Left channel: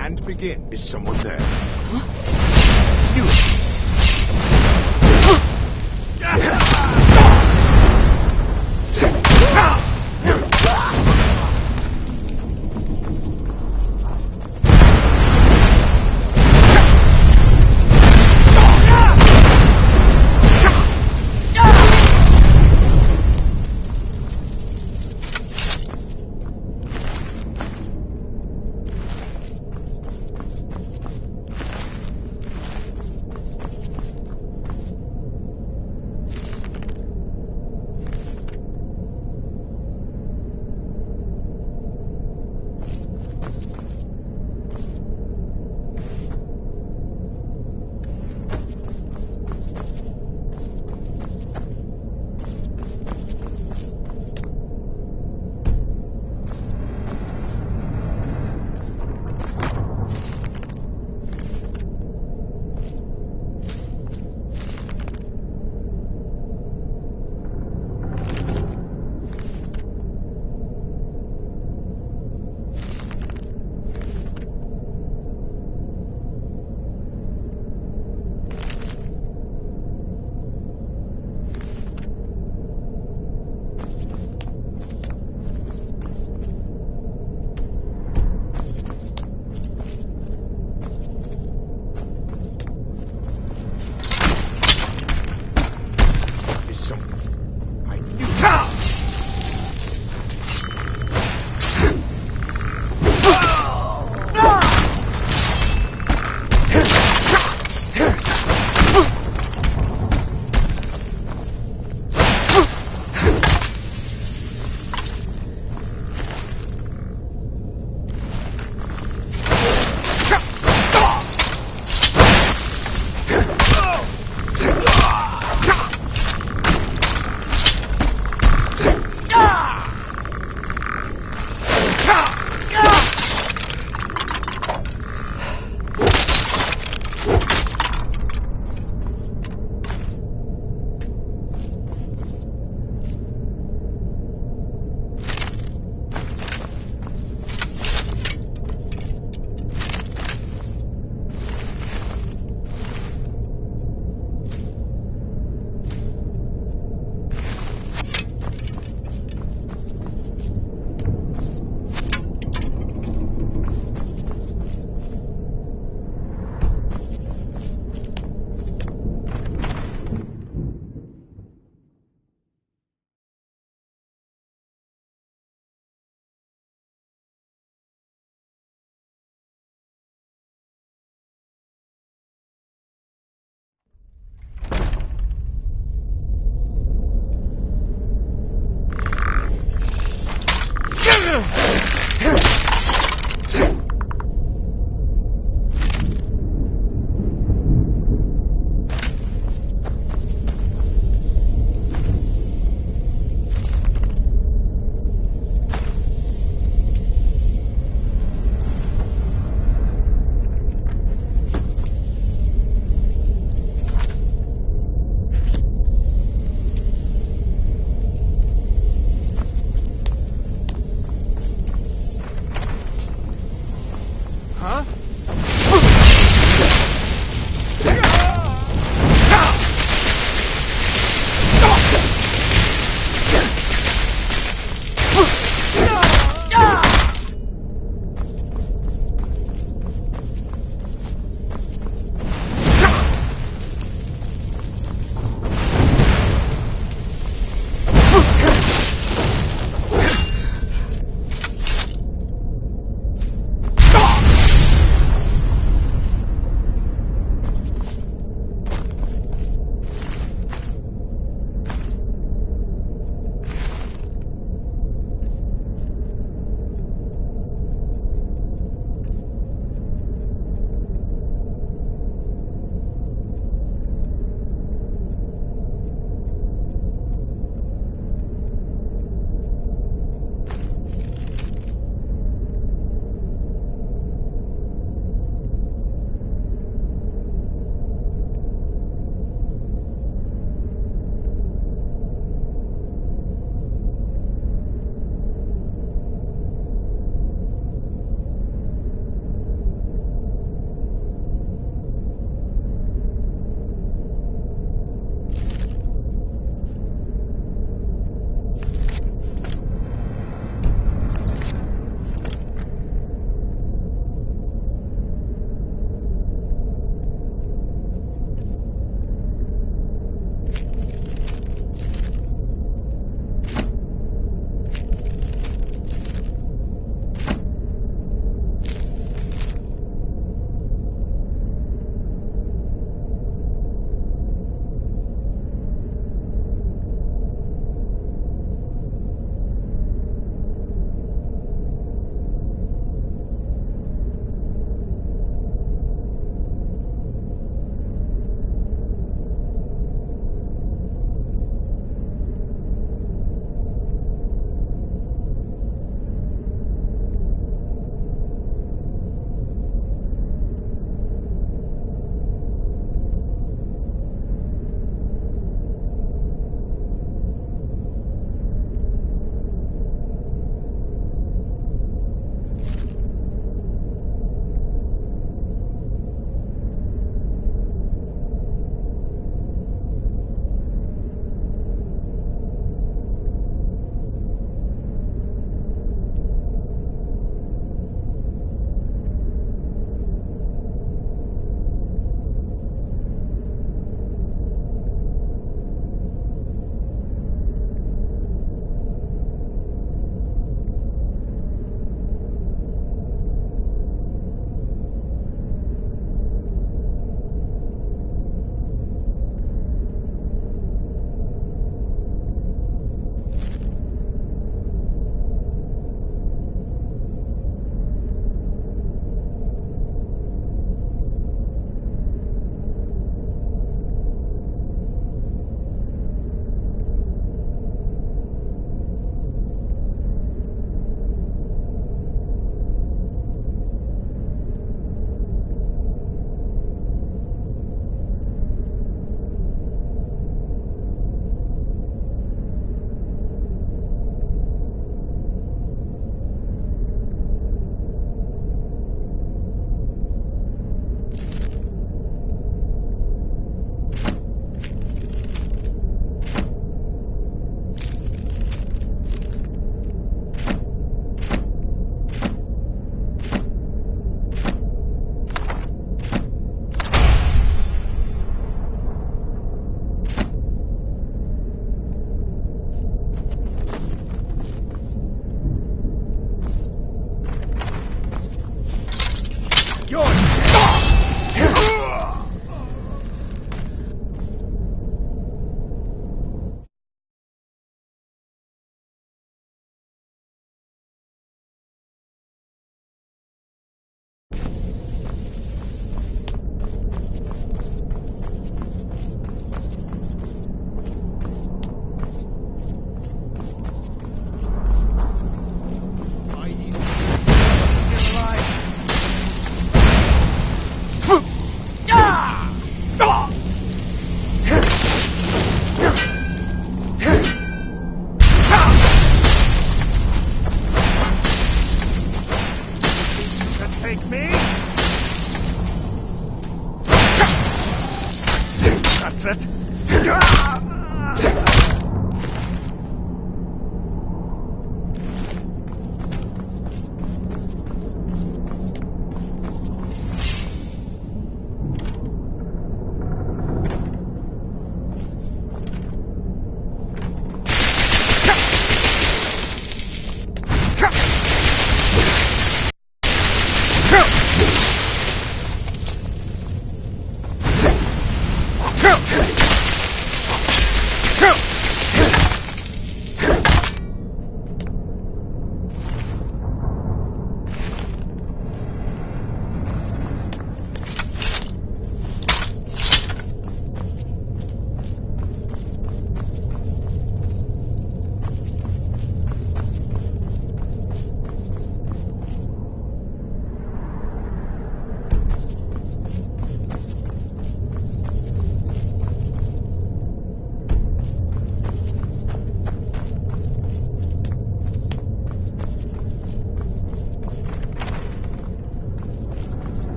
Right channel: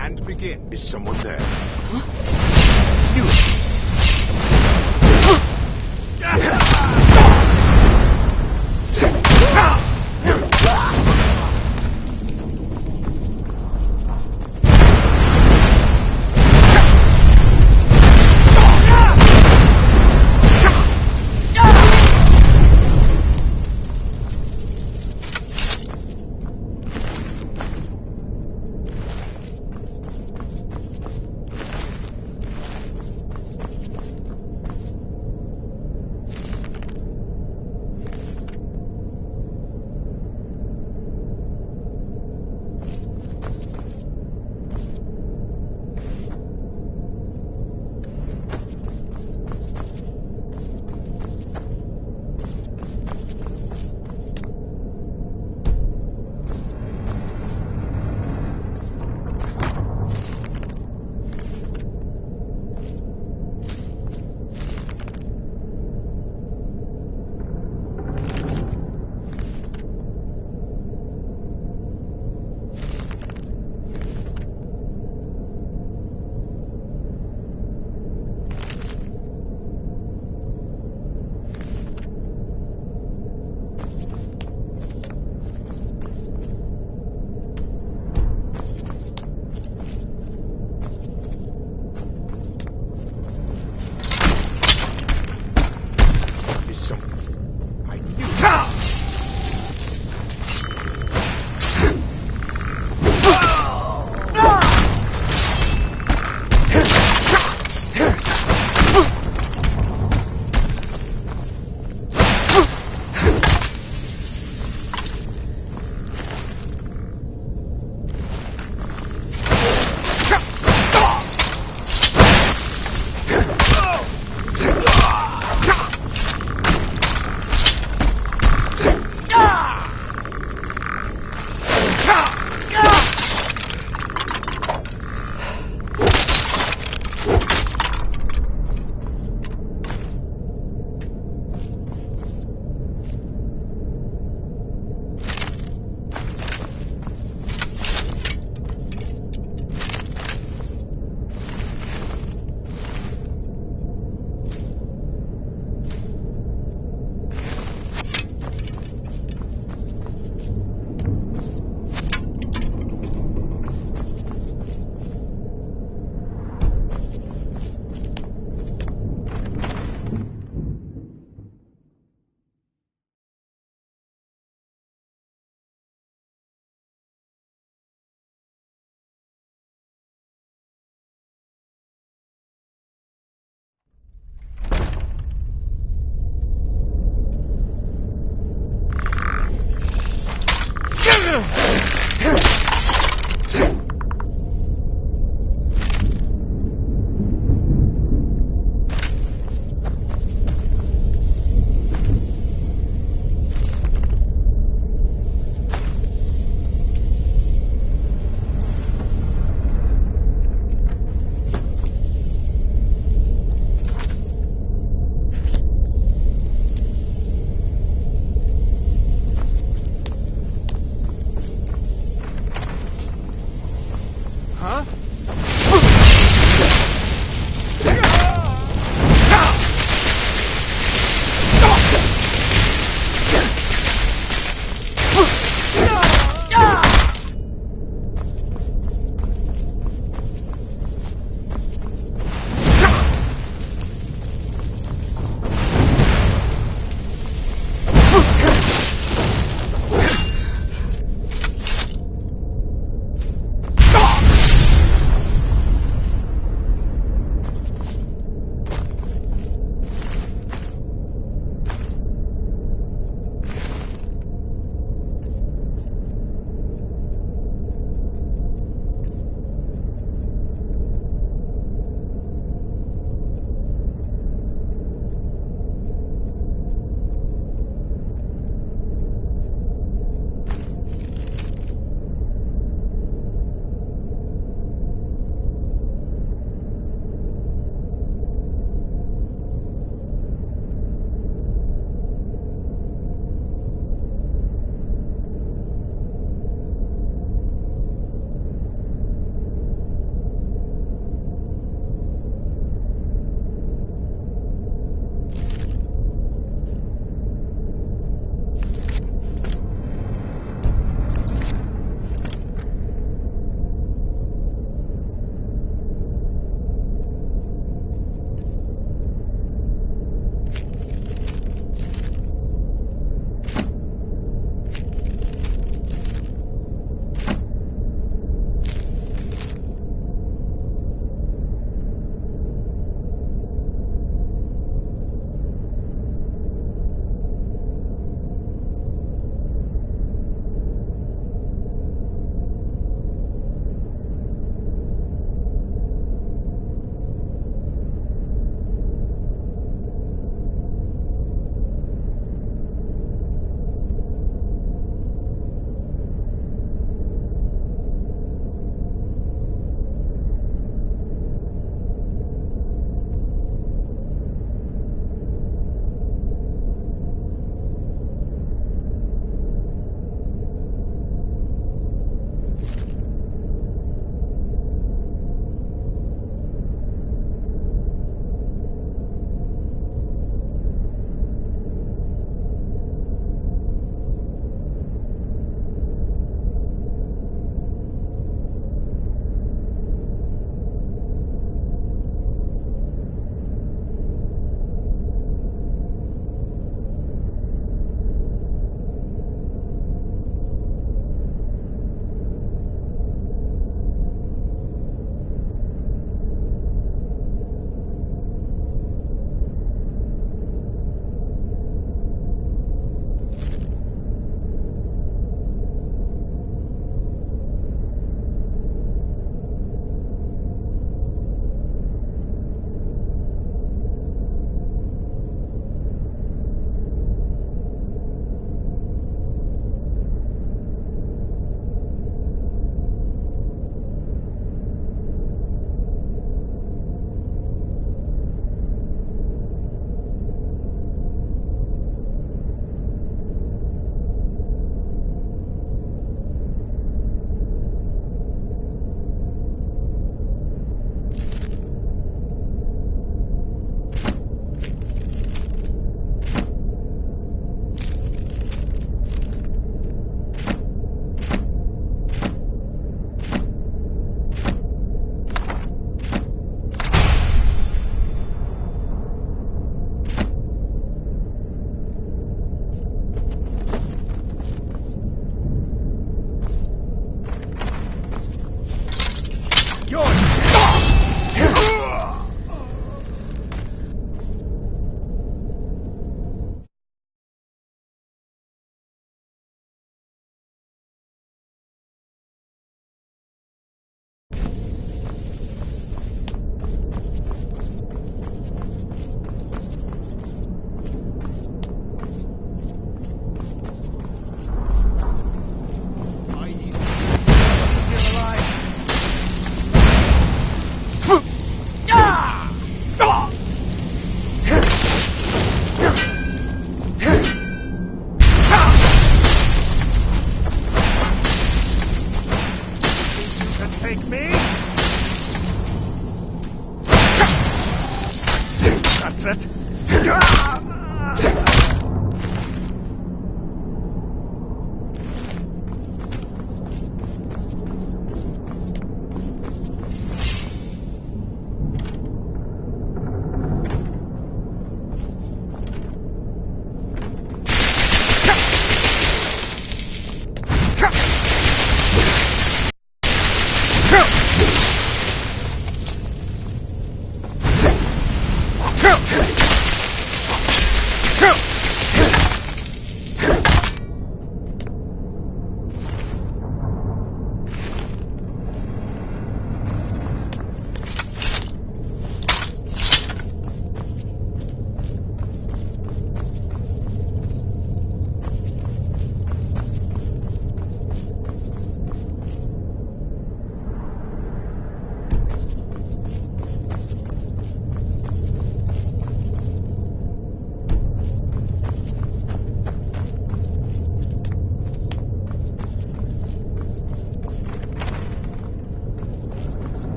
And begin. Is someone there?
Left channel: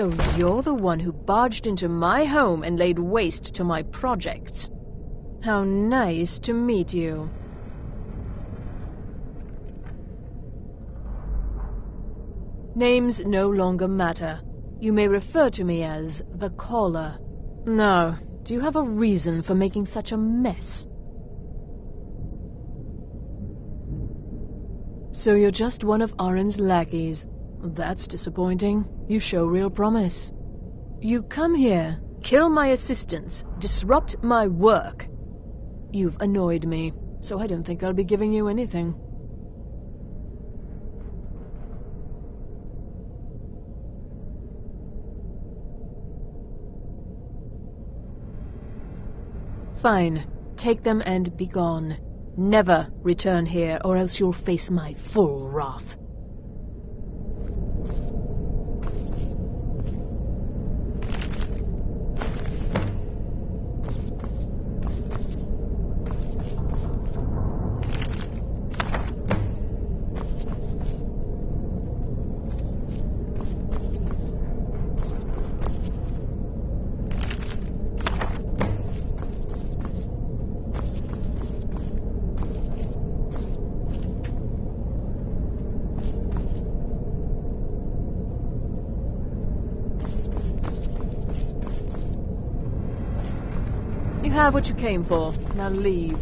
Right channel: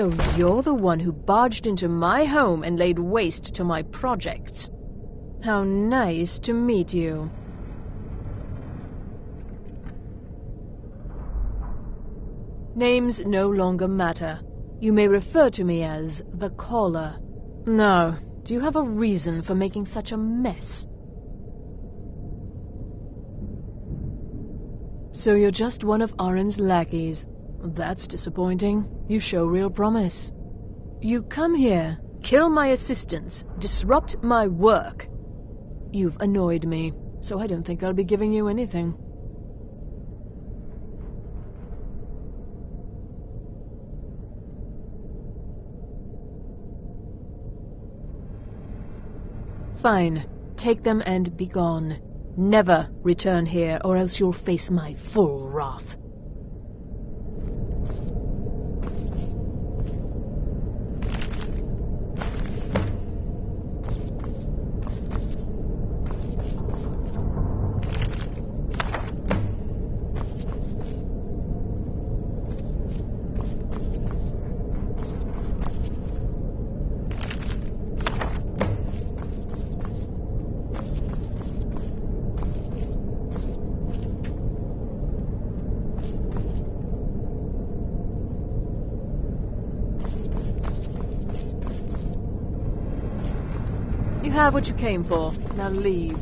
So you're the one who barged into my home and laid waste to my projects. How nice to meet you. Names no longer matter. You may refer to me as the Caller. Now, do you have a reason for making such a mess? So you're just one of Arin's lackeys. That's disappointing. You show real promise. You come here kill my assistants, disrupt my work. You've annoyed me, so I don't think I'll be giving you anything. Fine. Take them and be gone. Never return here, or else you'll face my full wrath. You have what you came for. Now leave.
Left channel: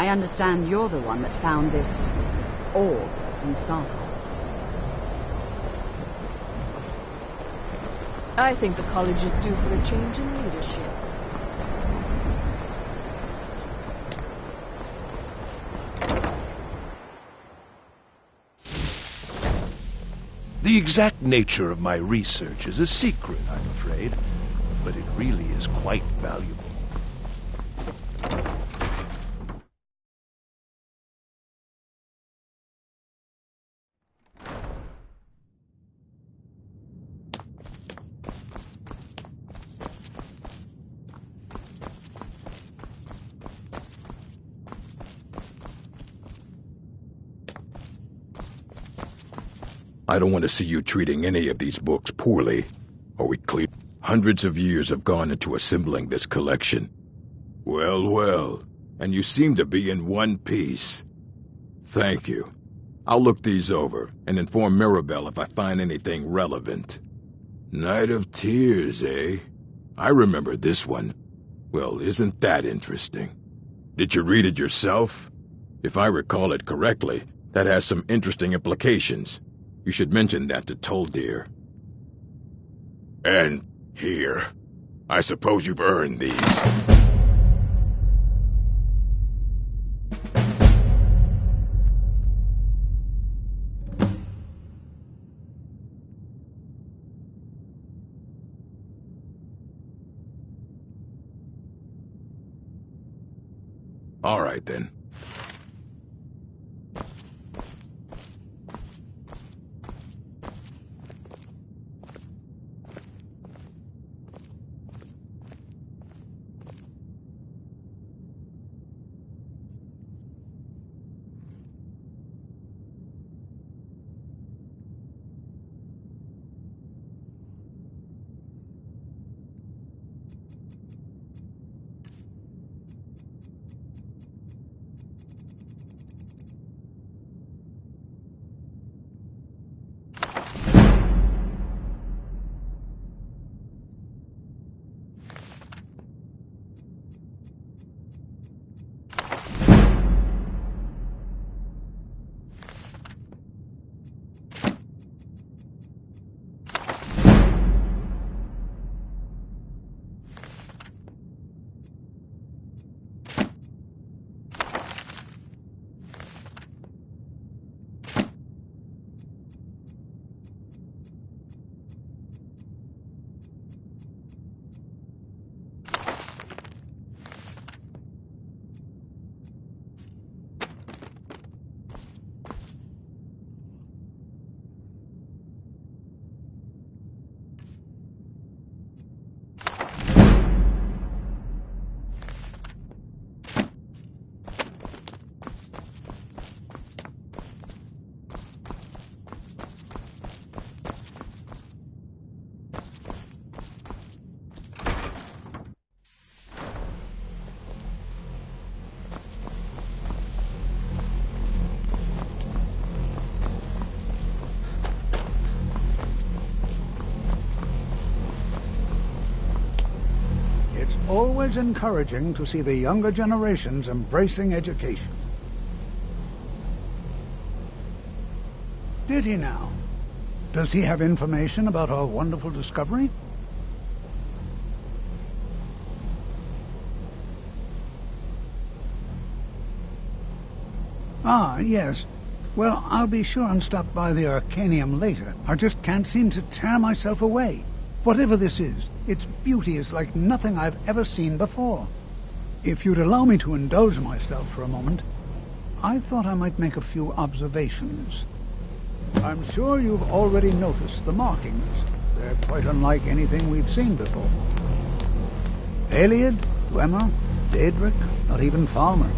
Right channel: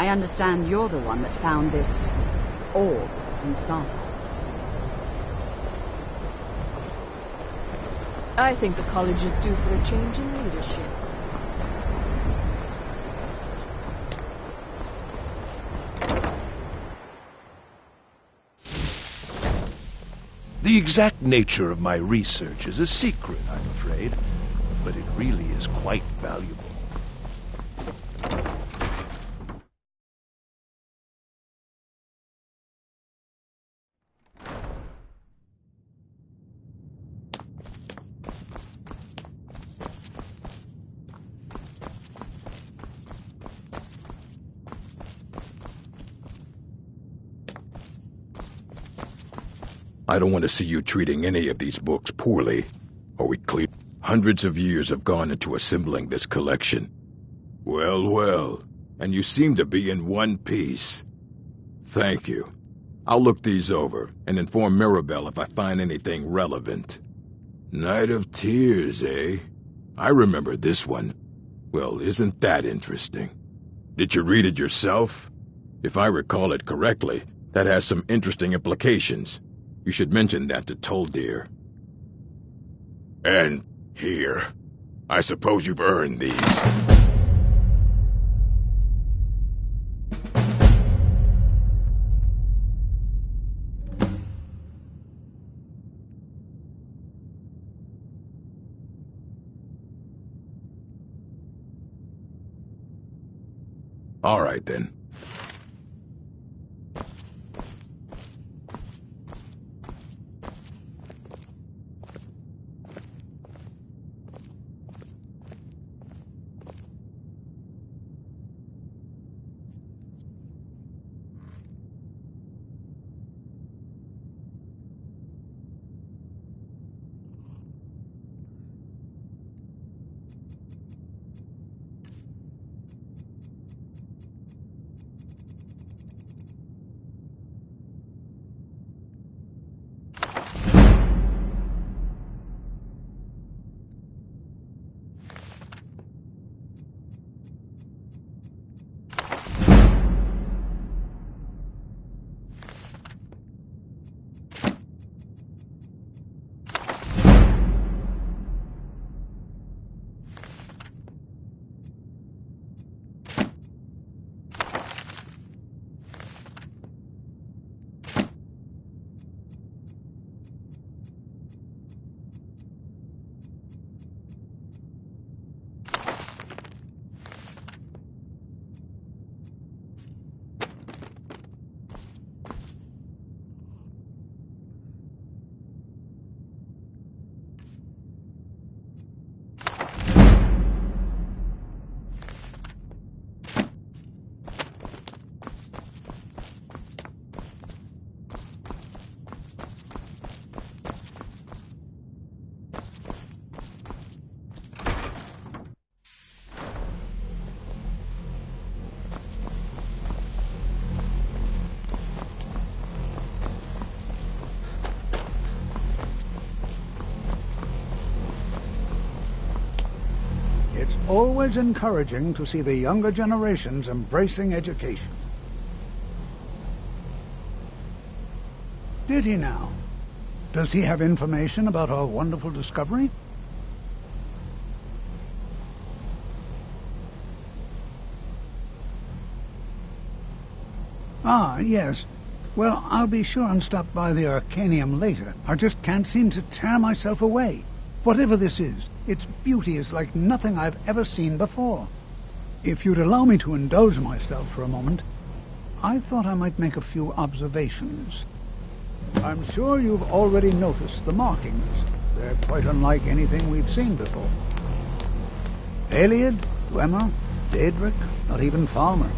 I understand you're the one that found this orb in Safa. I think the college is due for a change in leadership. The exact nature of my research is a secret, I'm afraid, but it really is quite valuable. I don't want to see you treating any of these books poorly. Are we clear? Hundreds of years have gone into assembling this collection. Well, well, and you seem to be in one piece. Thank you. I'll look these over and inform Mirabelle if I find anything relevant. Night of Tears, eh? I remember this one. Well, isn't that interesting? Did you read it yourself? If I recall it correctly, that has some interesting implications. You should mention that to Toldir. And here. I suppose you've earned these. All right, then. Always encouraging to see the younger generations embracing education. Did he now? Does he have information about our wonderful discovery? Ah, yes. Well, I'll be sure and stop by the Arcanium later. I just can't seem to tear myself away. Whatever this is, its beauty is like nothing I've ever seen before. If you'd allow me to indulge myself for a moment, I thought I might make a few observations. I'm sure you've already noticed the markings. They're quite unlike anything we've seen before. Aliad, Dwemer, Daedric, not even Falmer.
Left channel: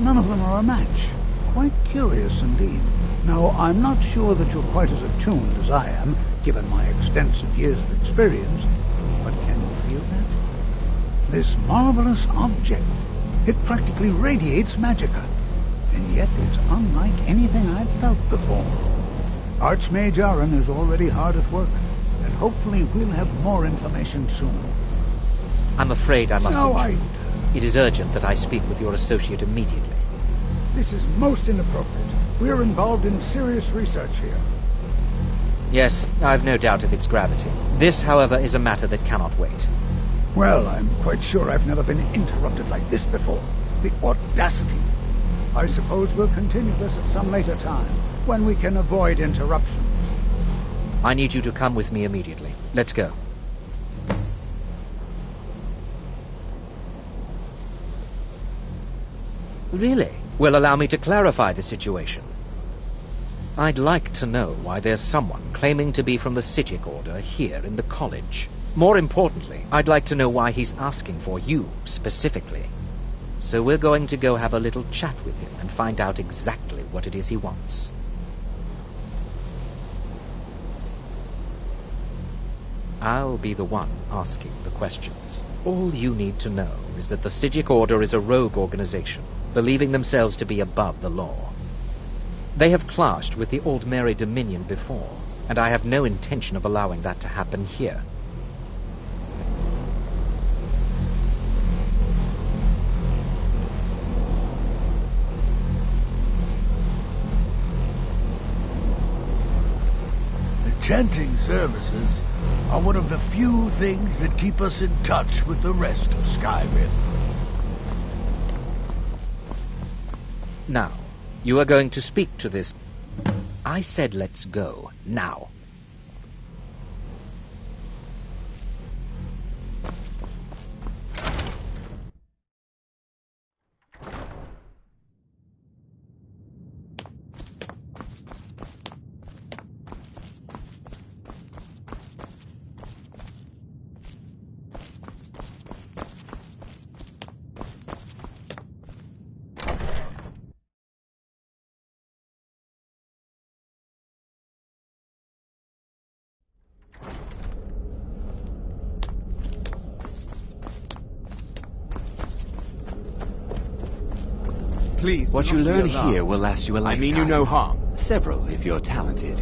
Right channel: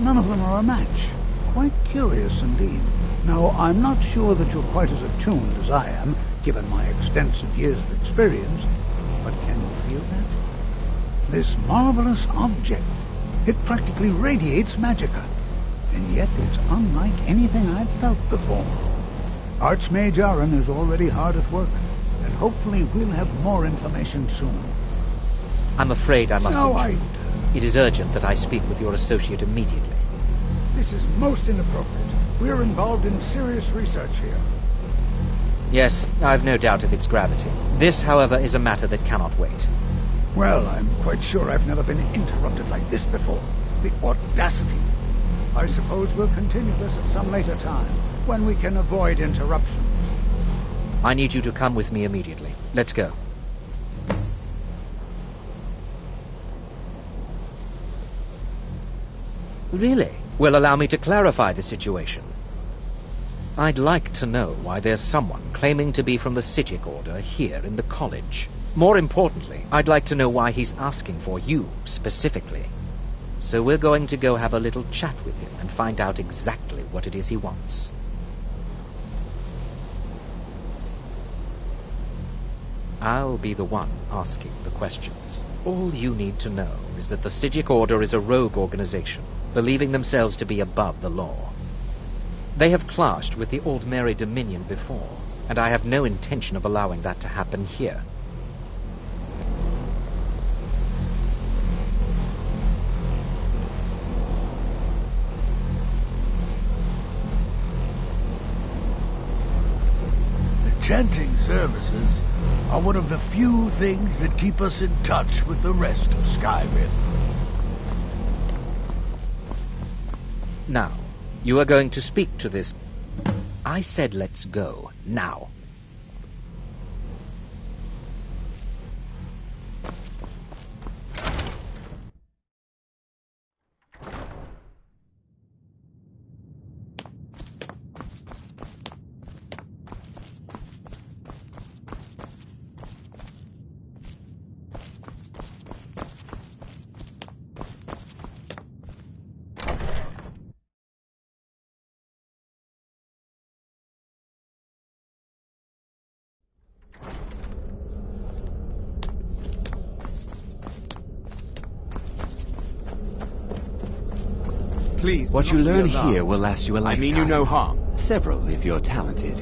None of them are a match. Quite curious indeed. Now, I'm not sure that you're quite as attuned as I am, given my extensive years of experience, but can you feel that? This marvelous object, it practically radiates magicka, and yet it's unlike anything I've felt before. Archmage Aaron is already hard at work, and hopefully we'll have more information soon. I'm afraid I must No, intrude. It is urgent that I speak with your associate immediately. This is most inappropriate. We're involved in serious research here. Yes, I've no doubt of its gravity. This, however, is a matter that cannot wait. Well, I'm quite sure I've never been interrupted like this before. The audacity. I suppose we'll continue this at some later time, when we can avoid interruptions. I need you to come with me immediately. Let's go. Really? Well, allow me to clarify the situation. I'd like to know why there's someone claiming to be from the Psijic Order here in the college. More importantly, I'd like to know why he's asking for you, specifically. So we're going to go have a little chat with him and find out exactly what it is he wants. I'll be the one asking the questions. All you need to know is that the Psijic Order is a rogue organization, believing themselves to be above the law. They have clashed with the Old Mary Dominion before, and I have no intention of allowing that to happen here. The chanting services are one of the few things that keep us in touch with the rest of Skyrim. Now, you are going to speak to this... I said let's go, now. Please, What do you not be learn alarmed. here will last you a I lifetime. mean you no harm. Several, if you're talented.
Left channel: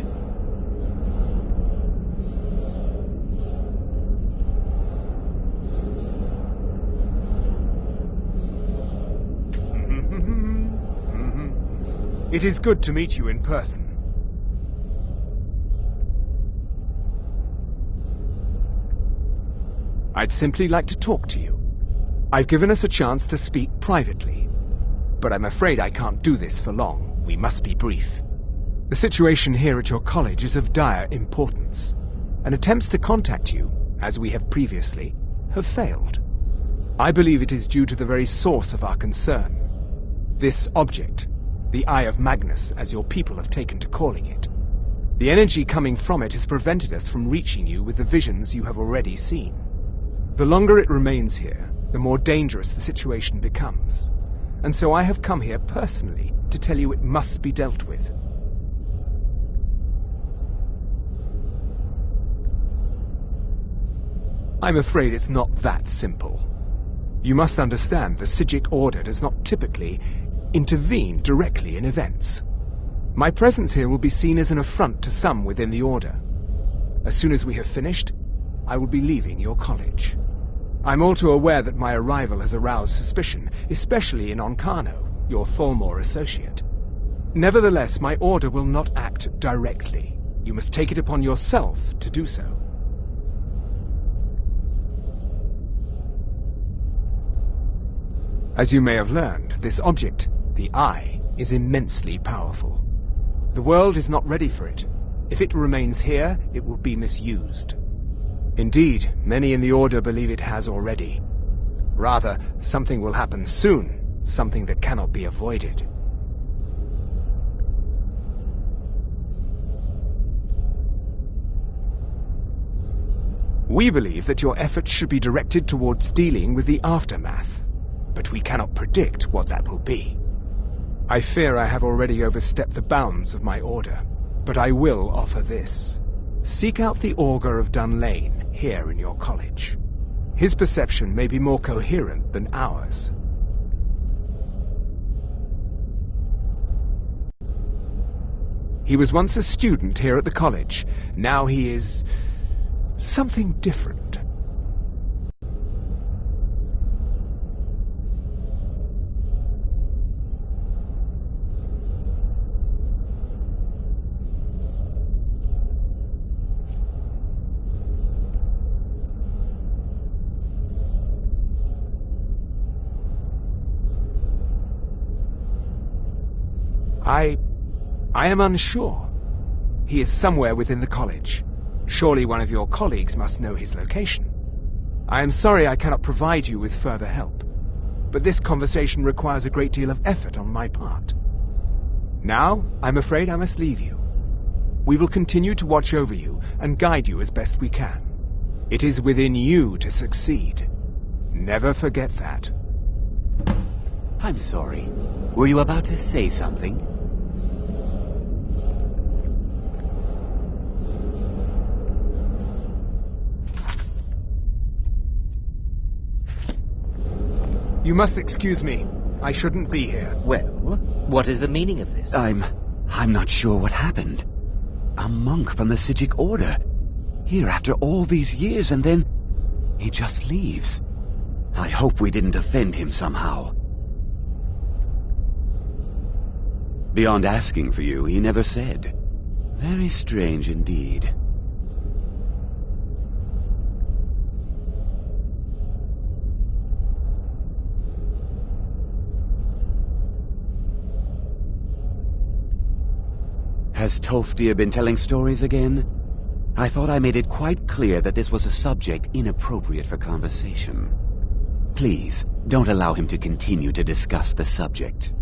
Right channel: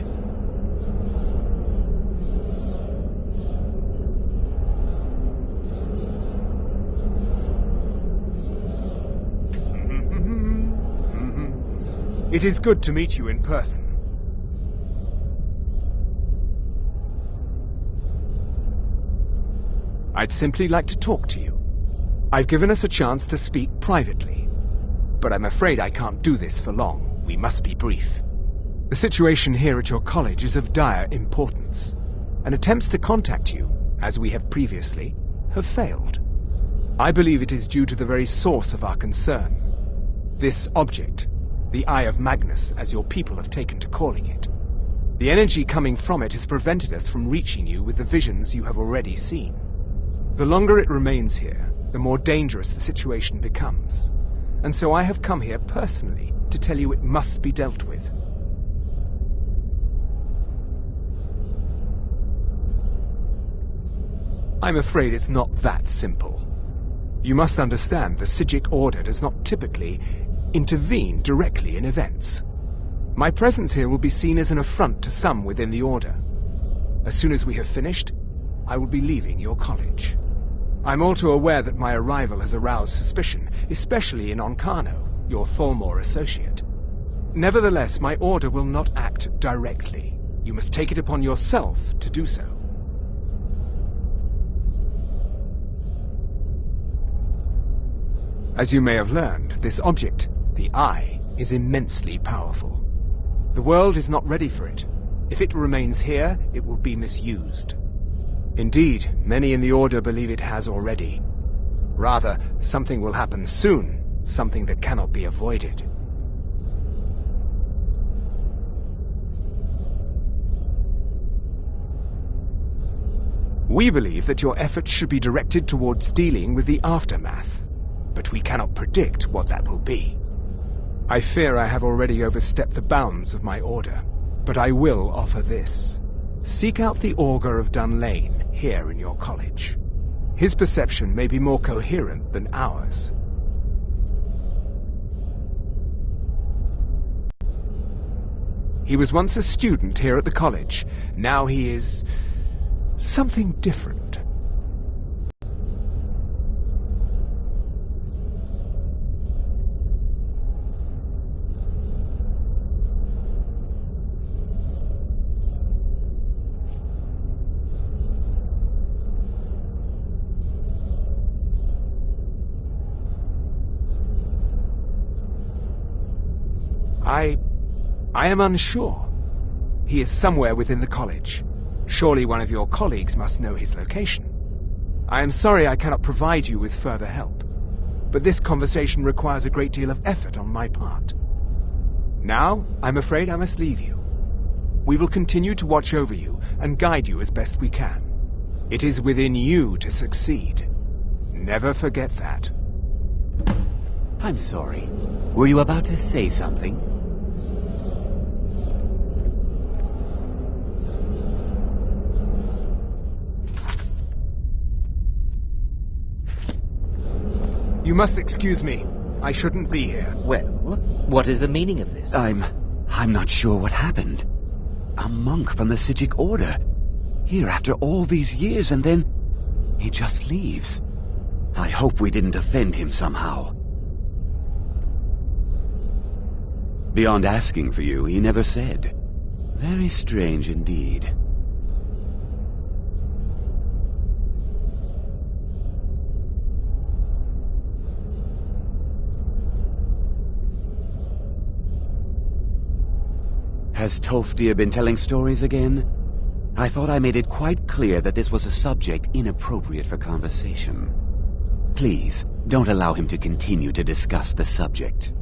It is good to meet you in person. I'd simply like to talk to you. I've given us a chance to speak privately, but I'm afraid I can't do this for long. We must be brief. The situation here at your college is of dire importance, and attempts to contact you, as we have previously, have failed. I believe it is due to the very source of our concern. This object, the Eye of Magnus, as your people have taken to calling it. The energy coming from it has prevented us from reaching you with the visions you have already seen. The longer it remains here, the more dangerous the situation becomes. And so I have come here personally to tell you it must be dealt with. I'm afraid it's not that simple. You must understand the Psijic Order does not typically intervene directly in events. My presence here will be seen as an affront to some within the Order. As soon as we have finished, I will be leaving your college. I'm all too aware that my arrival has aroused suspicion, especially in Onkano, your Thalmor associate. Nevertheless, my order will not act directly. You must take it upon yourself to do so. As you may have learned, this object, the Eye, is immensely powerful. The world is not ready for it. If it remains here, it will be misused. Indeed, many in the Order believe it has already. Rather, something will happen soon, something that cannot be avoided. We believe that your efforts should be directed towards dealing with the aftermath, but we cannot predict what that will be. I fear I have already overstepped the bounds of my order, but I will offer this. Seek out the Augur of Dunlane here in your college. His perception may be more coherent than ours. He was once a student here at the college. Now he is something different. I am unsure. He is somewhere within the college. Surely one of your colleagues must know his location. I am sorry I cannot provide you with further help, but this conversation requires a great deal of effort on my part. Now, I'm afraid I must leave you. We will continue to watch over you and guide you as best we can. It is within you to succeed. Never forget that. I'm sorry. Were you about to say something? You must excuse me. I shouldn't be here. Well, what is the meaning of this? I'm not sure what happened. A monk from the Sijic Order. Here after all these years, and then he just leaves. I hope we didn't offend him somehow. Beyond asking for you, he never said. Very strange indeed. Has Tofdir been telling stories again? I thought I made it quite clear that this was a subject inappropriate for conversation. Please, don't allow him to continue to discuss the subject.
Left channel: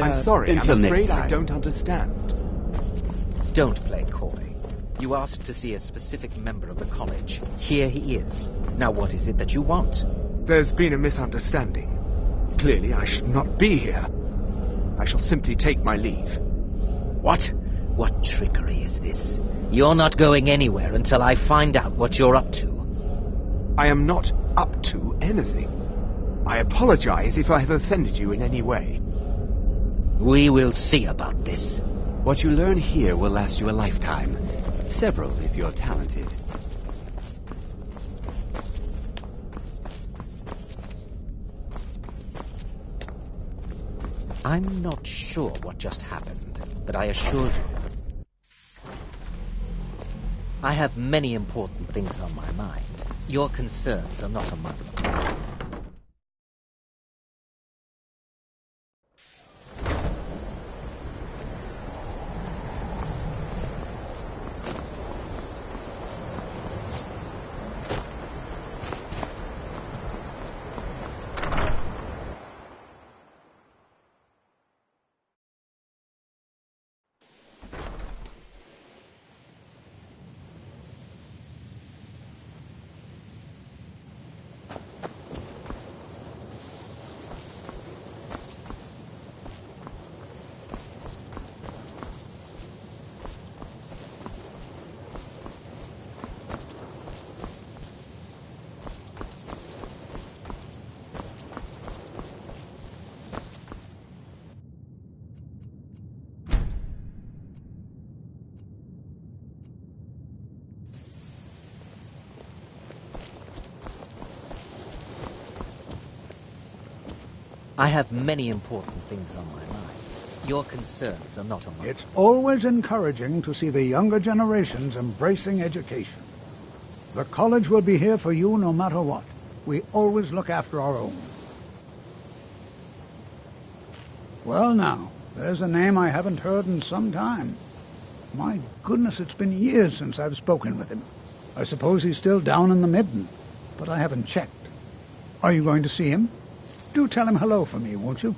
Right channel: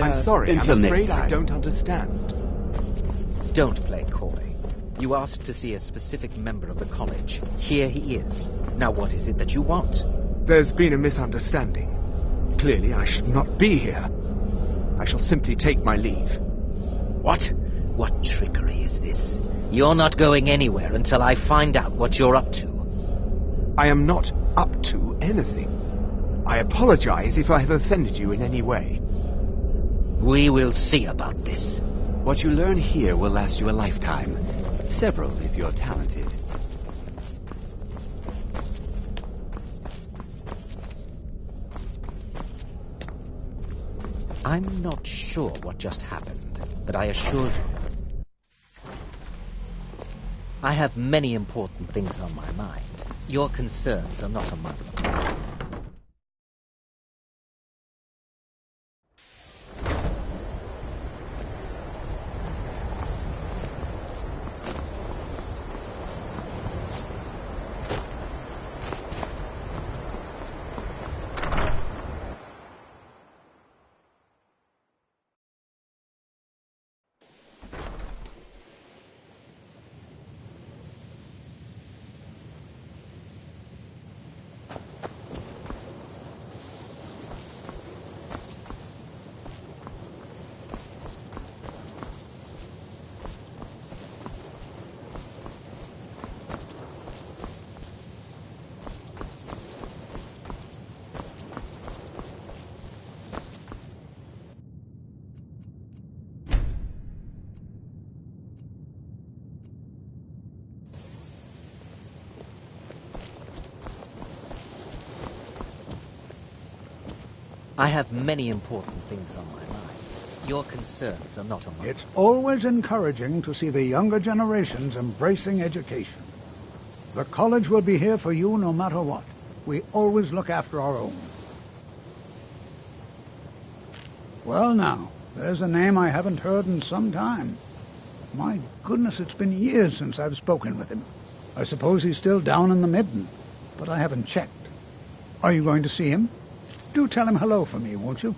I'm sorry, until I'm next afraid I time. don't understand. Don't play coy. You asked to see a specific member of the college. Here he is. Now what is it that you want? There's been a misunderstanding. Clearly, I should not be here. I shall simply take my leave. What? What trickery is this? You're not going anywhere until I find out what you're up to. I am not up to anything. I apologize if I have offended you in any way. We will see about this. What you learn here will last you a lifetime. Several, if you're talented. I'm not sure what just happened, but I assure you, I have many important things on my mind. Your concerns are not among them. I have many important things on my mind. Your concerns are not among It's always encouraging to see the younger generations embracing education. The college will be here for you no matter what. We always look after our own. Well now, there's a name I haven't heard in some time. My goodness, it's been years since I've spoken with him. I suppose he's still down in the Midden, but I haven't checked. Are you going to see him? Do tell him hello for me, won't you?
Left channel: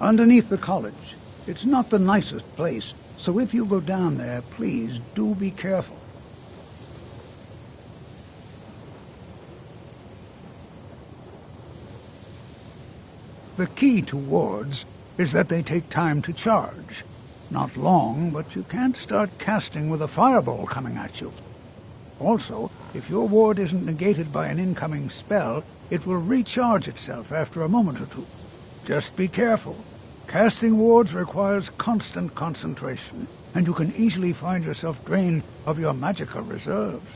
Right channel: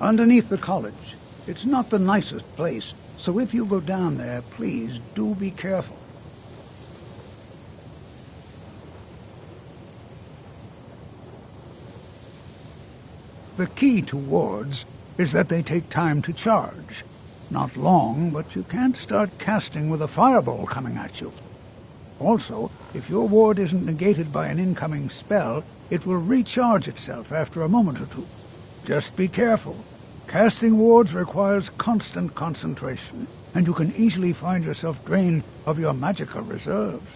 Underneath the college. It's not the nicest place, so if you go down there, please do be careful. The key to wards is that they take time to charge. Not long, but you can't start casting with a fireball coming at you. Also, if your ward isn't negated by an incoming spell, it will recharge itself after a moment or two. Just be careful. Casting wards requires constant concentration, and you can easily find yourself drained of your magical reserves.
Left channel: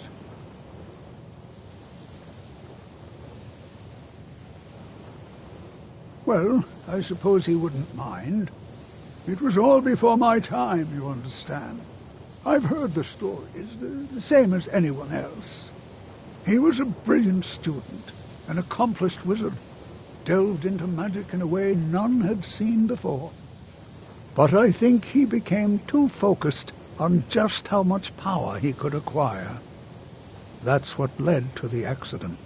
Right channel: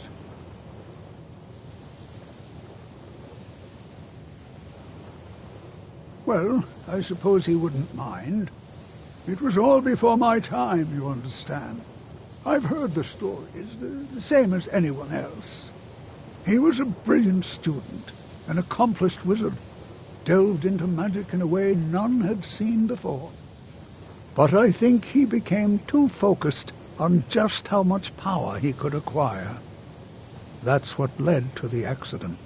Well, I suppose he wouldn't mind. It was all before my time, you understand. I've heard the stories, the same as anyone else. He was a brilliant student, an accomplished wizard, delved into magic in a way none had seen before. But I think he became too focused on just how much power he could acquire. That's what led to the accident.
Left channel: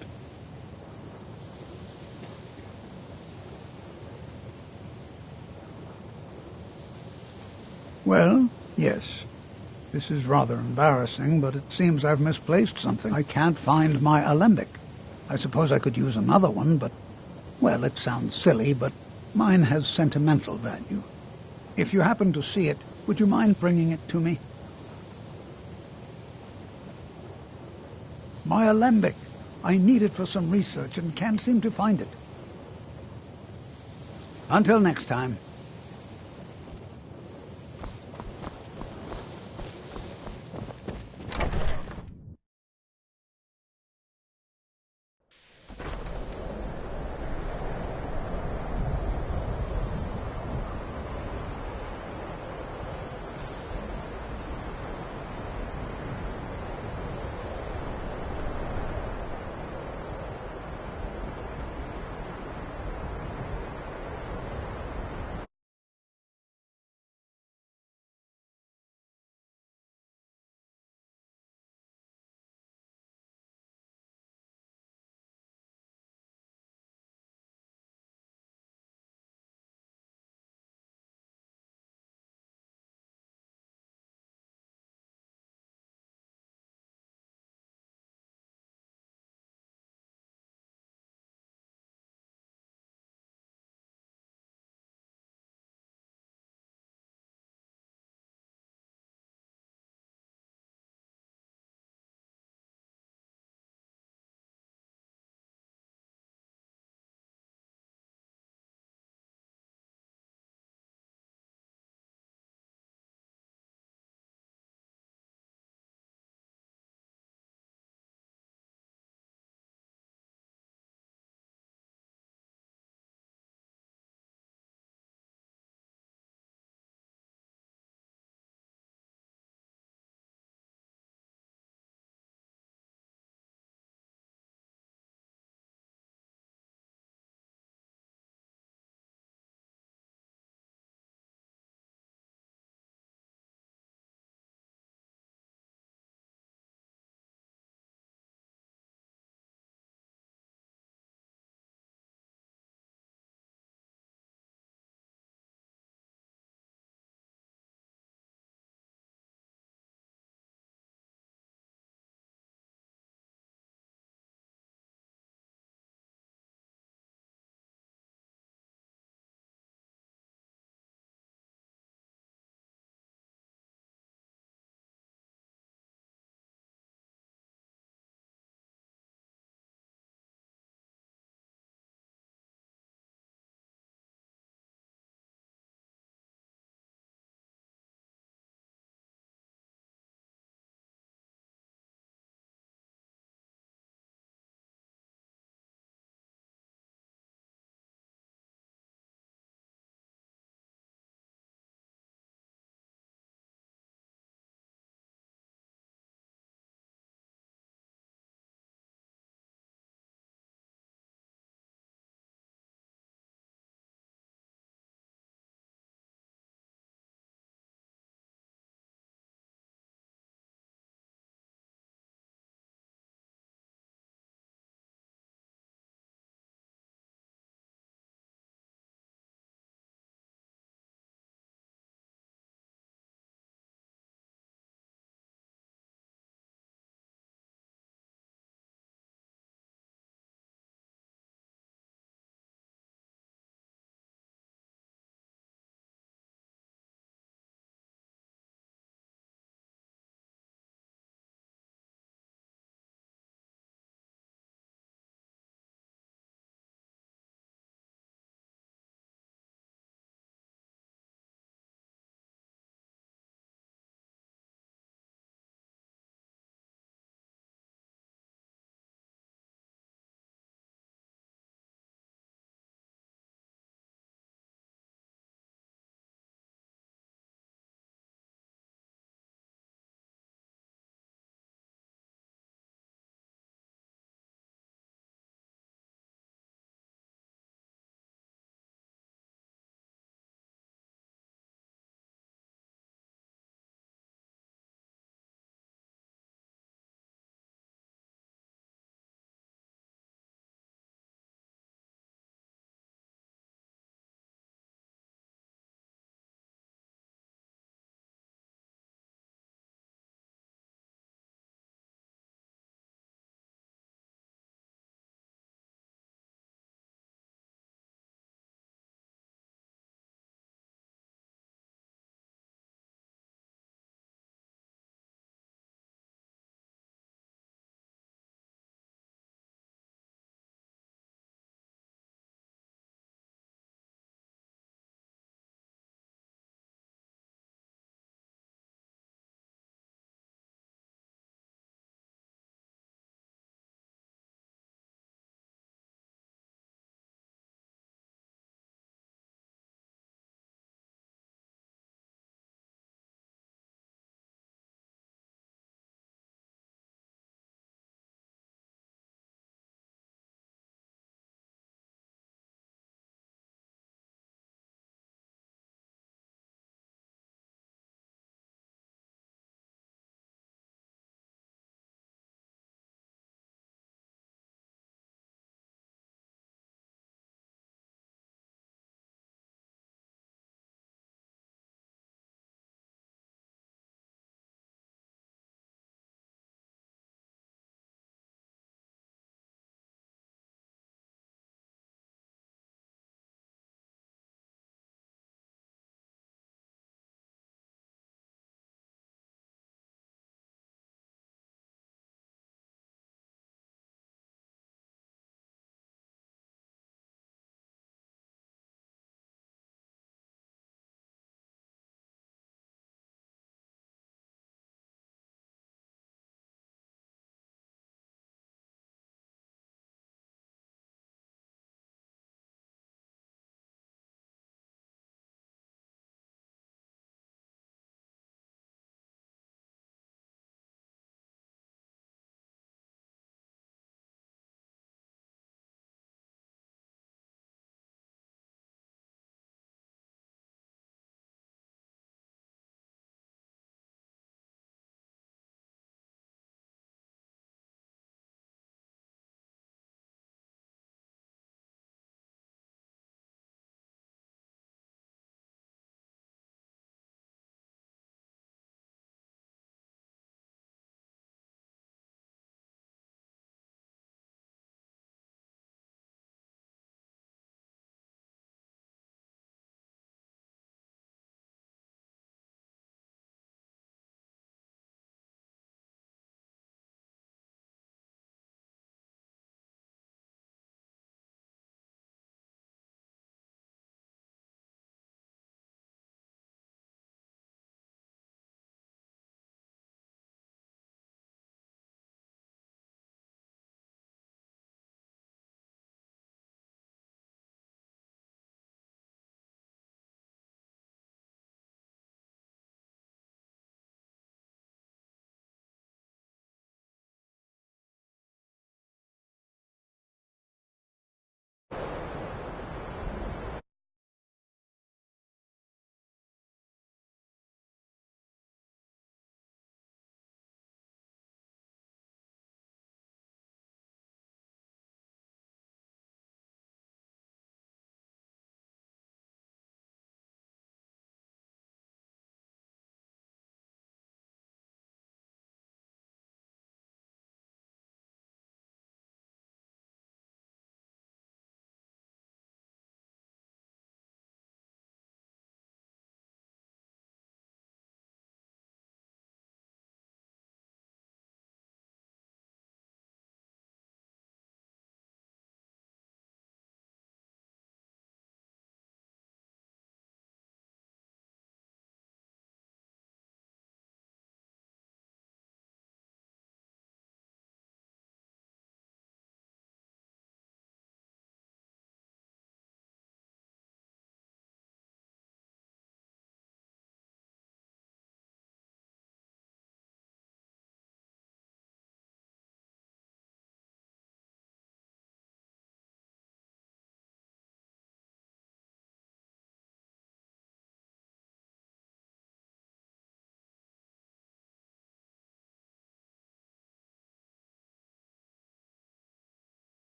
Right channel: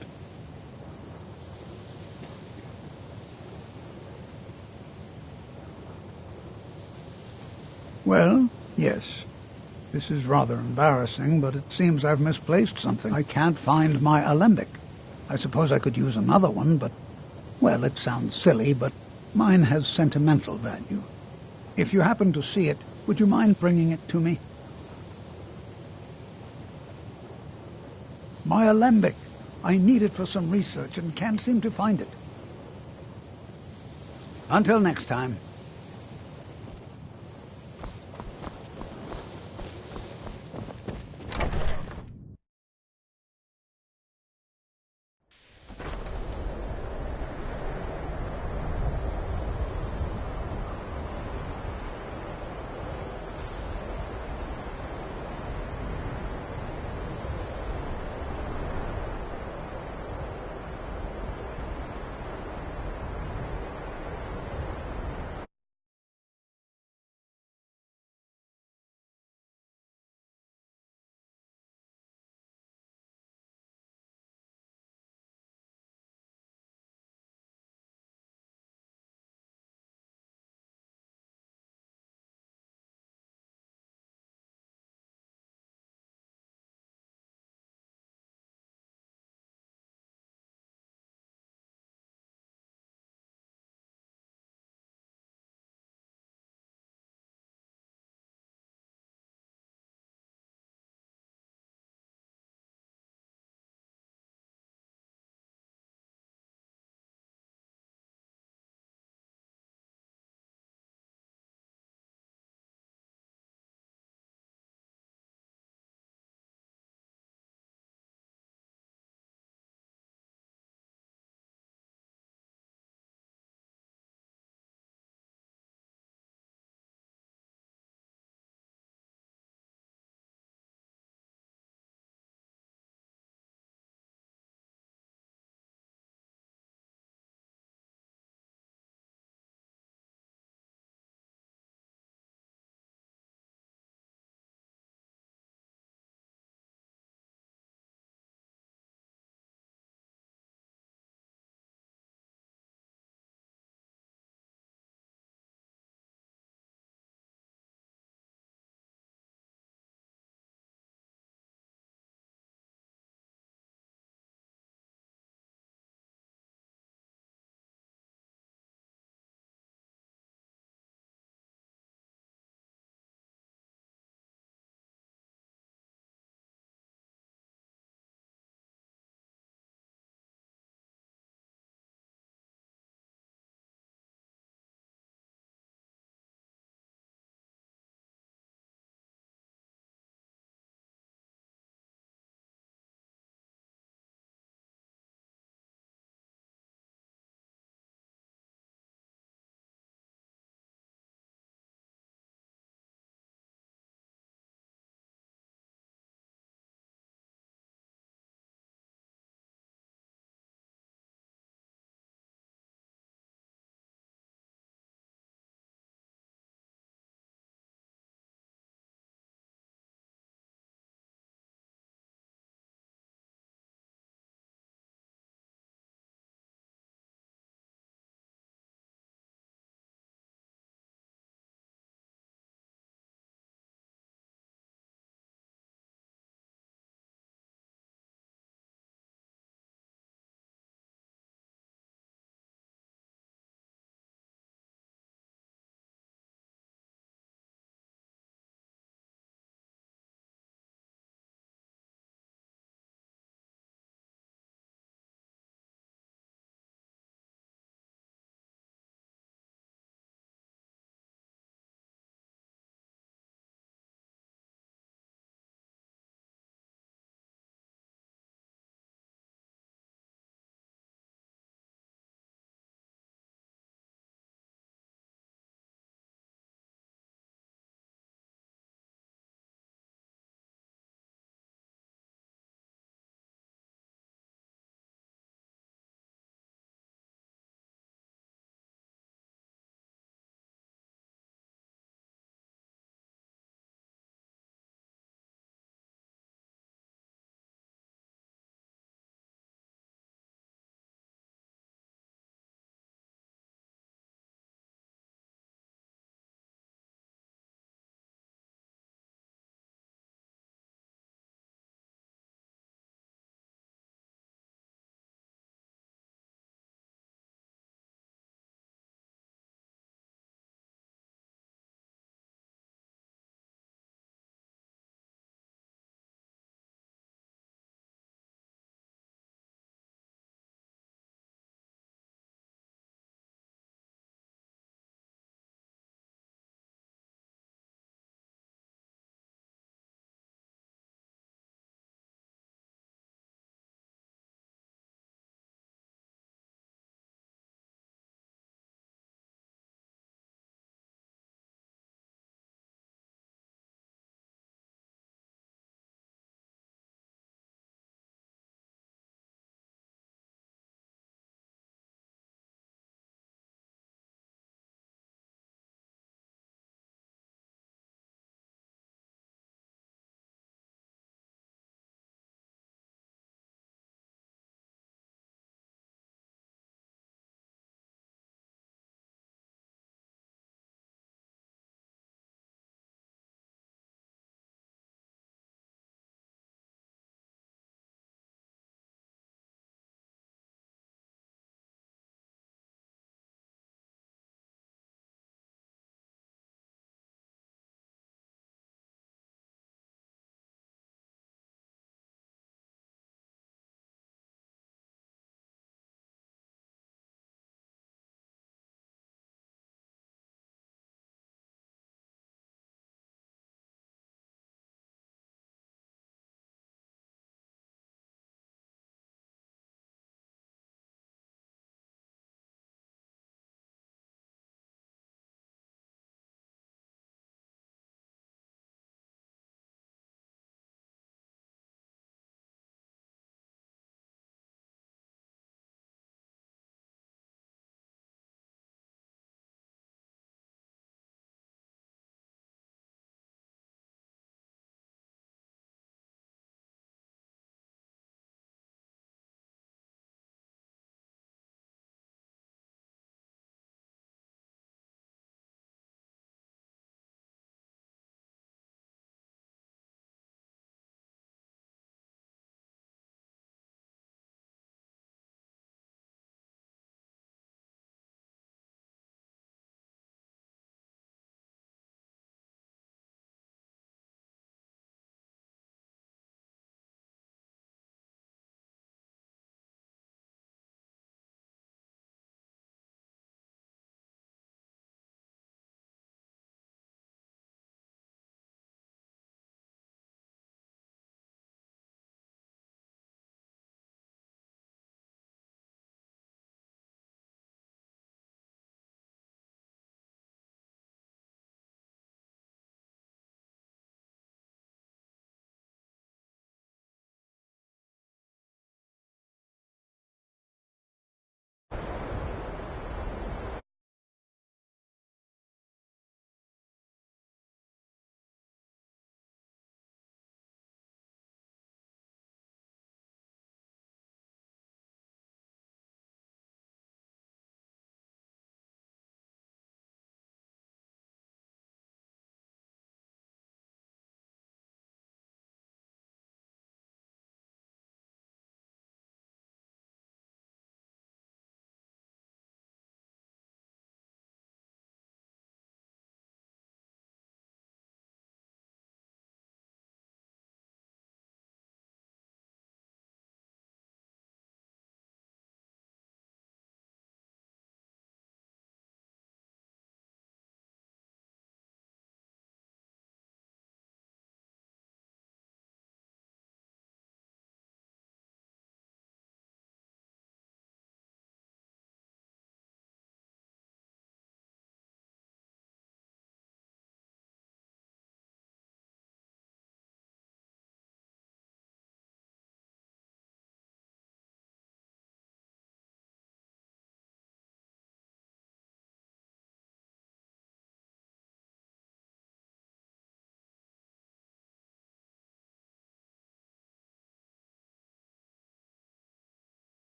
Well, yes. This is rather embarrassing, but it seems I've misplaced something. I can't find my alembic. I suppose I could use another one, but, well, it sounds silly, but mine has sentimental value. If you happen to see it, would you mind bringing it to me? My alembic. I need it for some research and can't seem to find it. Until next time.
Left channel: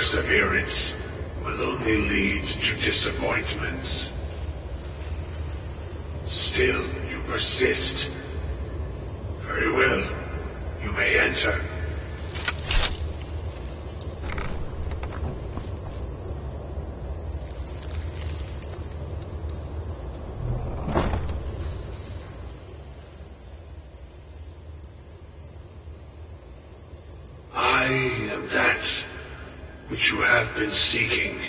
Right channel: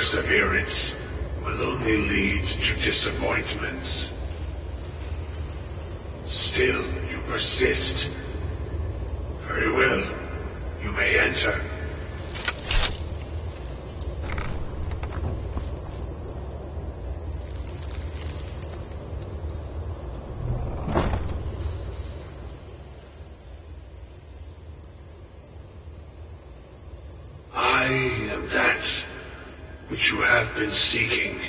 perseverance will only lead to disappointment. Still, you persist. Very well. You may enter. I am that which you have been seeking.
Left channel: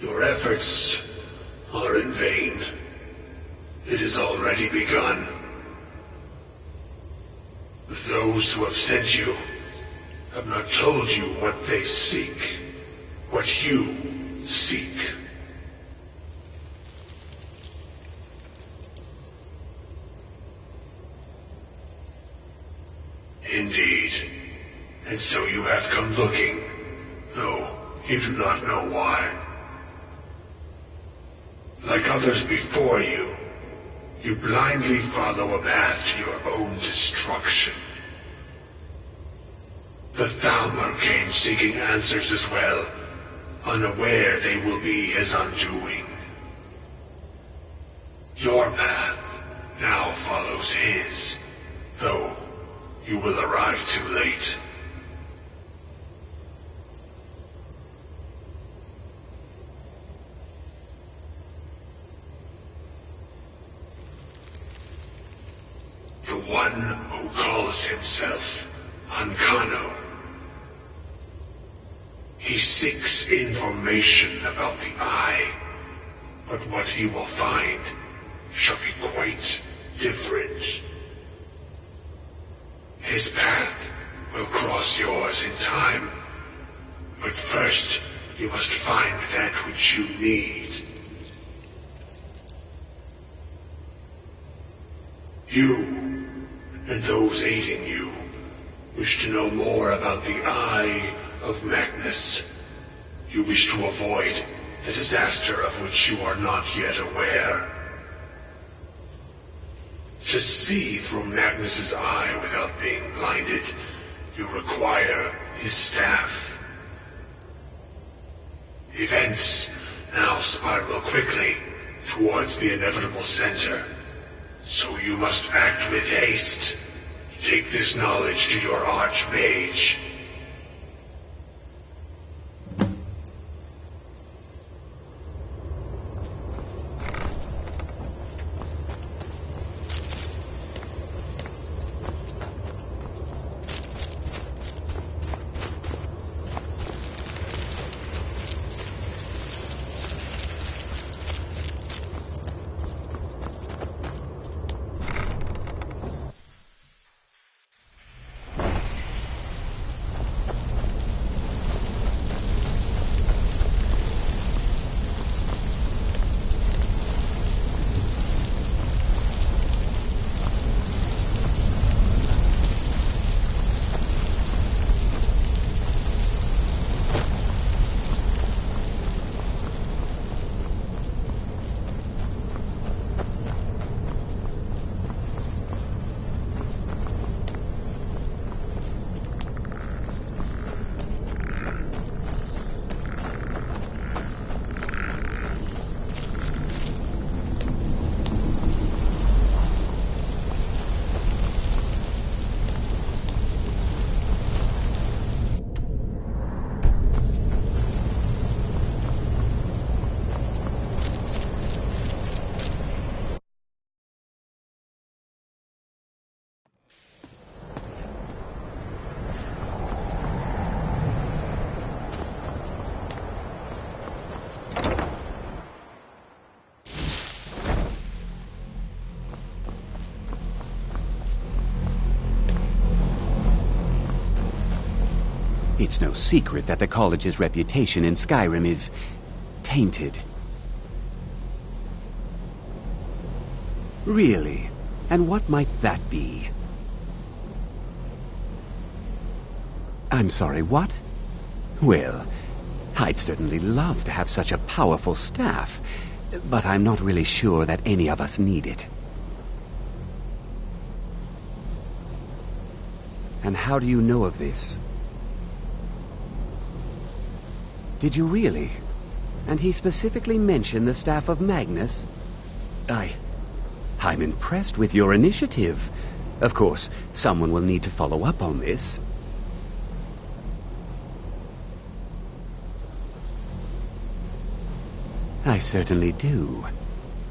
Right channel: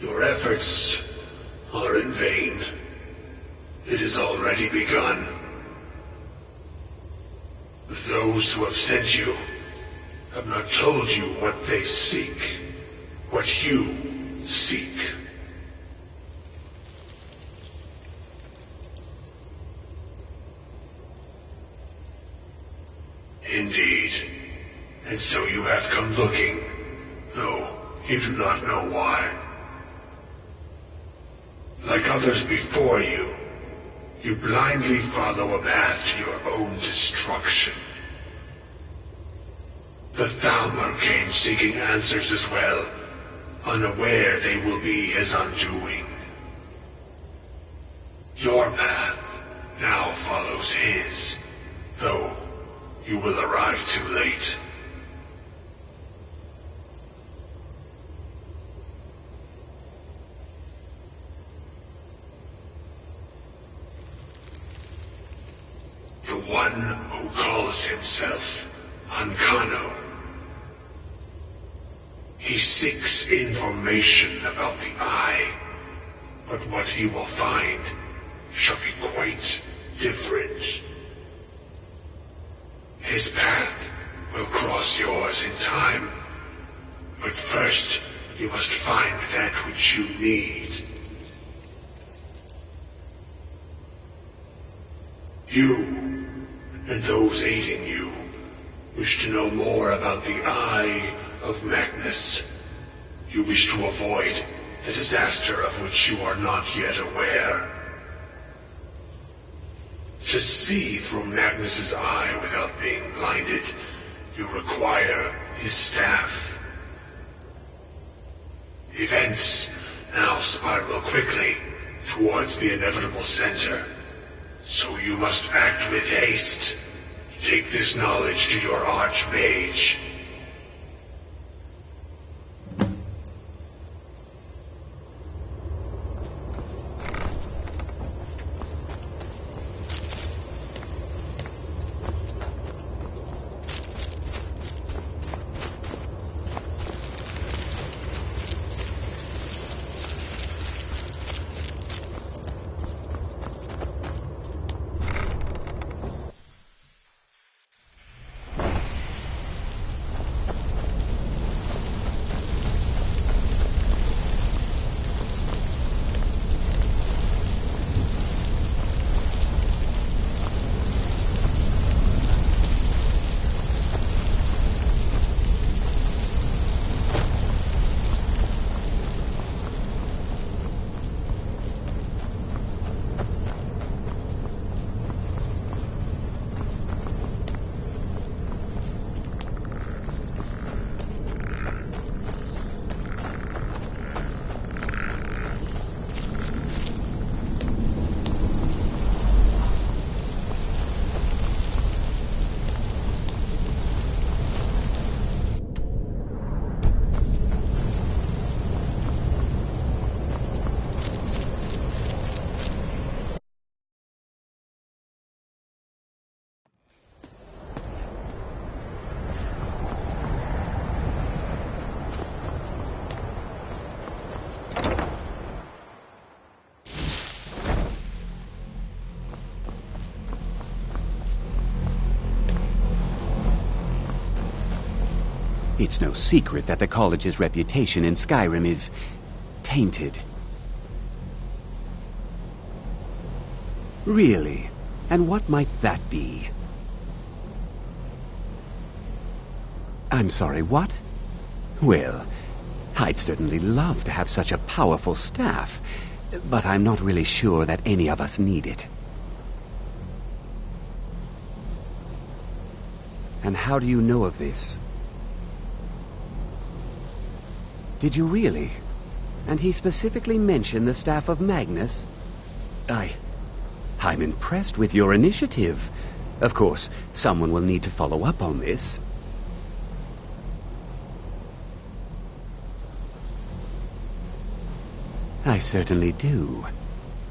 Your efforts are in vain. It has already begun. Those who have sent you have not told you what they seek, what you seek. Indeed. And so you have come looking, though you do not know why. Like others before you, you blindly follow a path to your own destruction. The Thalmor came seeking answers as well, unaware they will be his undoing. Your path now follows his, though you will arrive too late. The one who calls himself Ancano. He seeks information about the Eye, but what he will find shall be quite different. His path will cross yours in time, but first you must find that which you need. You, and those aiding you, wish to know more about the Eye of Magnus. You wish to avoid the disaster of which you are not yet aware. To see through Magnus's eye without being blinded, you require his staff. Events now spiral quickly towards the inevitable center, so you must act with haste. Take this knowledge to your Archmage. It's no secret that the college's reputation in Skyrim is tainted. Really? And what might that be? I'm sorry, what? Well, I'd certainly love to have such a powerful staff, but I'm not really sure that any of us need it. And how do you know of this? Did you really? And he specifically mentioned the staff of Magnus? I'm impressed with your initiative. Of course, someone will need to follow up on this. I certainly do.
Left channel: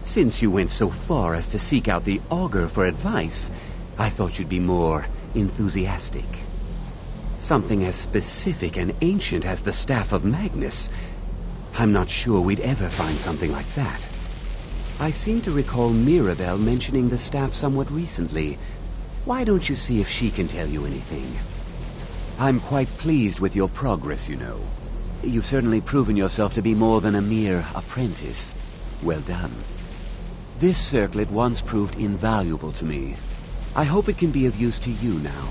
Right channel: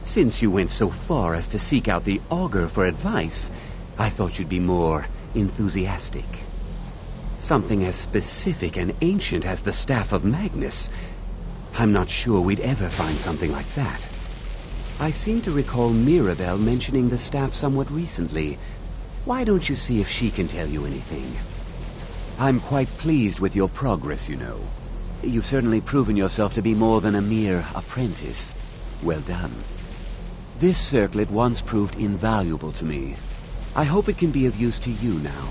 Since you went so far as to seek out the Augur for advice, I thought you'd be more enthusiastic. Something as specific and ancient as the Staff of Magnus. I'm not sure we'd ever find something like that. I seem to recall Mirabelle mentioning the staff somewhat recently. Why don't you see if she can tell you anything? I'm quite pleased with your progress, you know. You've certainly proven yourself to be more than a mere apprentice. Well done. This circlet once proved invaluable to me. I hope it can be of use to you now.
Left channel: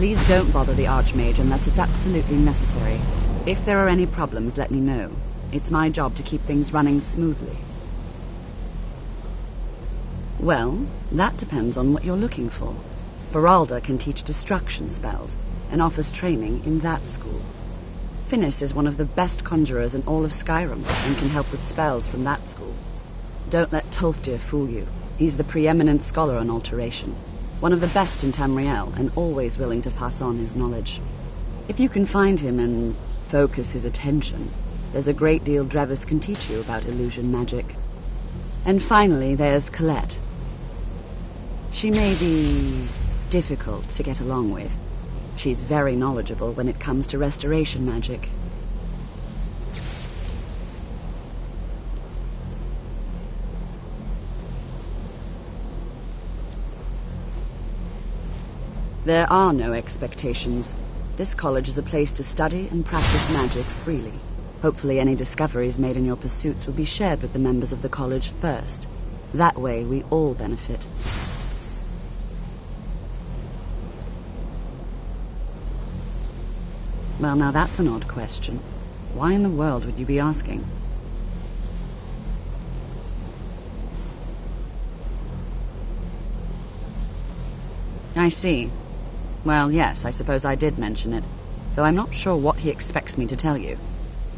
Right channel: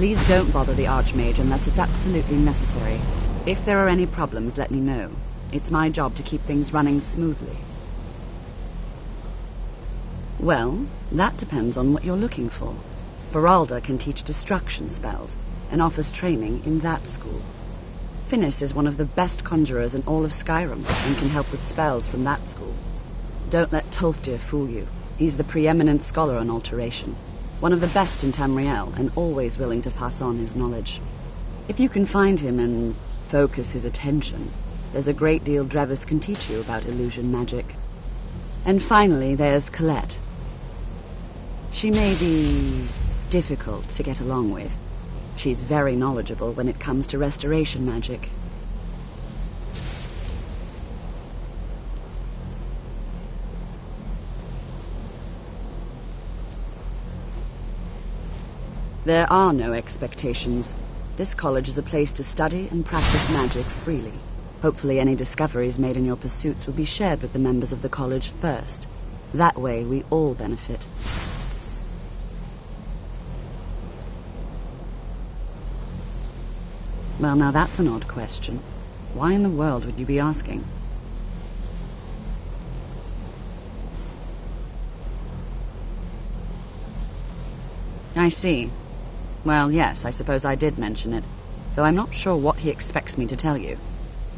Please don't bother the Archmage unless it's absolutely necessary. If there are any problems, let me know. It's my job to keep things running smoothly. Well, that depends on what you're looking for. Feralda can teach destruction spells and offers training in that school. Finis is one of the best conjurers in all of Skyrim and can help with spells from that school. Don't let Tolfdir fool you. He's the preeminent scholar on alteration. One of the best in Tamriel, and always willing to pass on his knowledge. If you can find him and focus his attention, there's a great deal Drevis can teach you about illusion magic. And finally, there's Colette. She may be difficult to get along with. She's very knowledgeable when it comes to restoration magic. There are no expectations. This college is a place to study and practice magic freely. Hopefully any discoveries made in your pursuits will be shared with the members of the college first. That way we all benefit. Well, now that's an odd question. Why in the world would you be asking? I see. Well, yes, I suppose I did mention it, though I'm not sure what he expects me to tell you.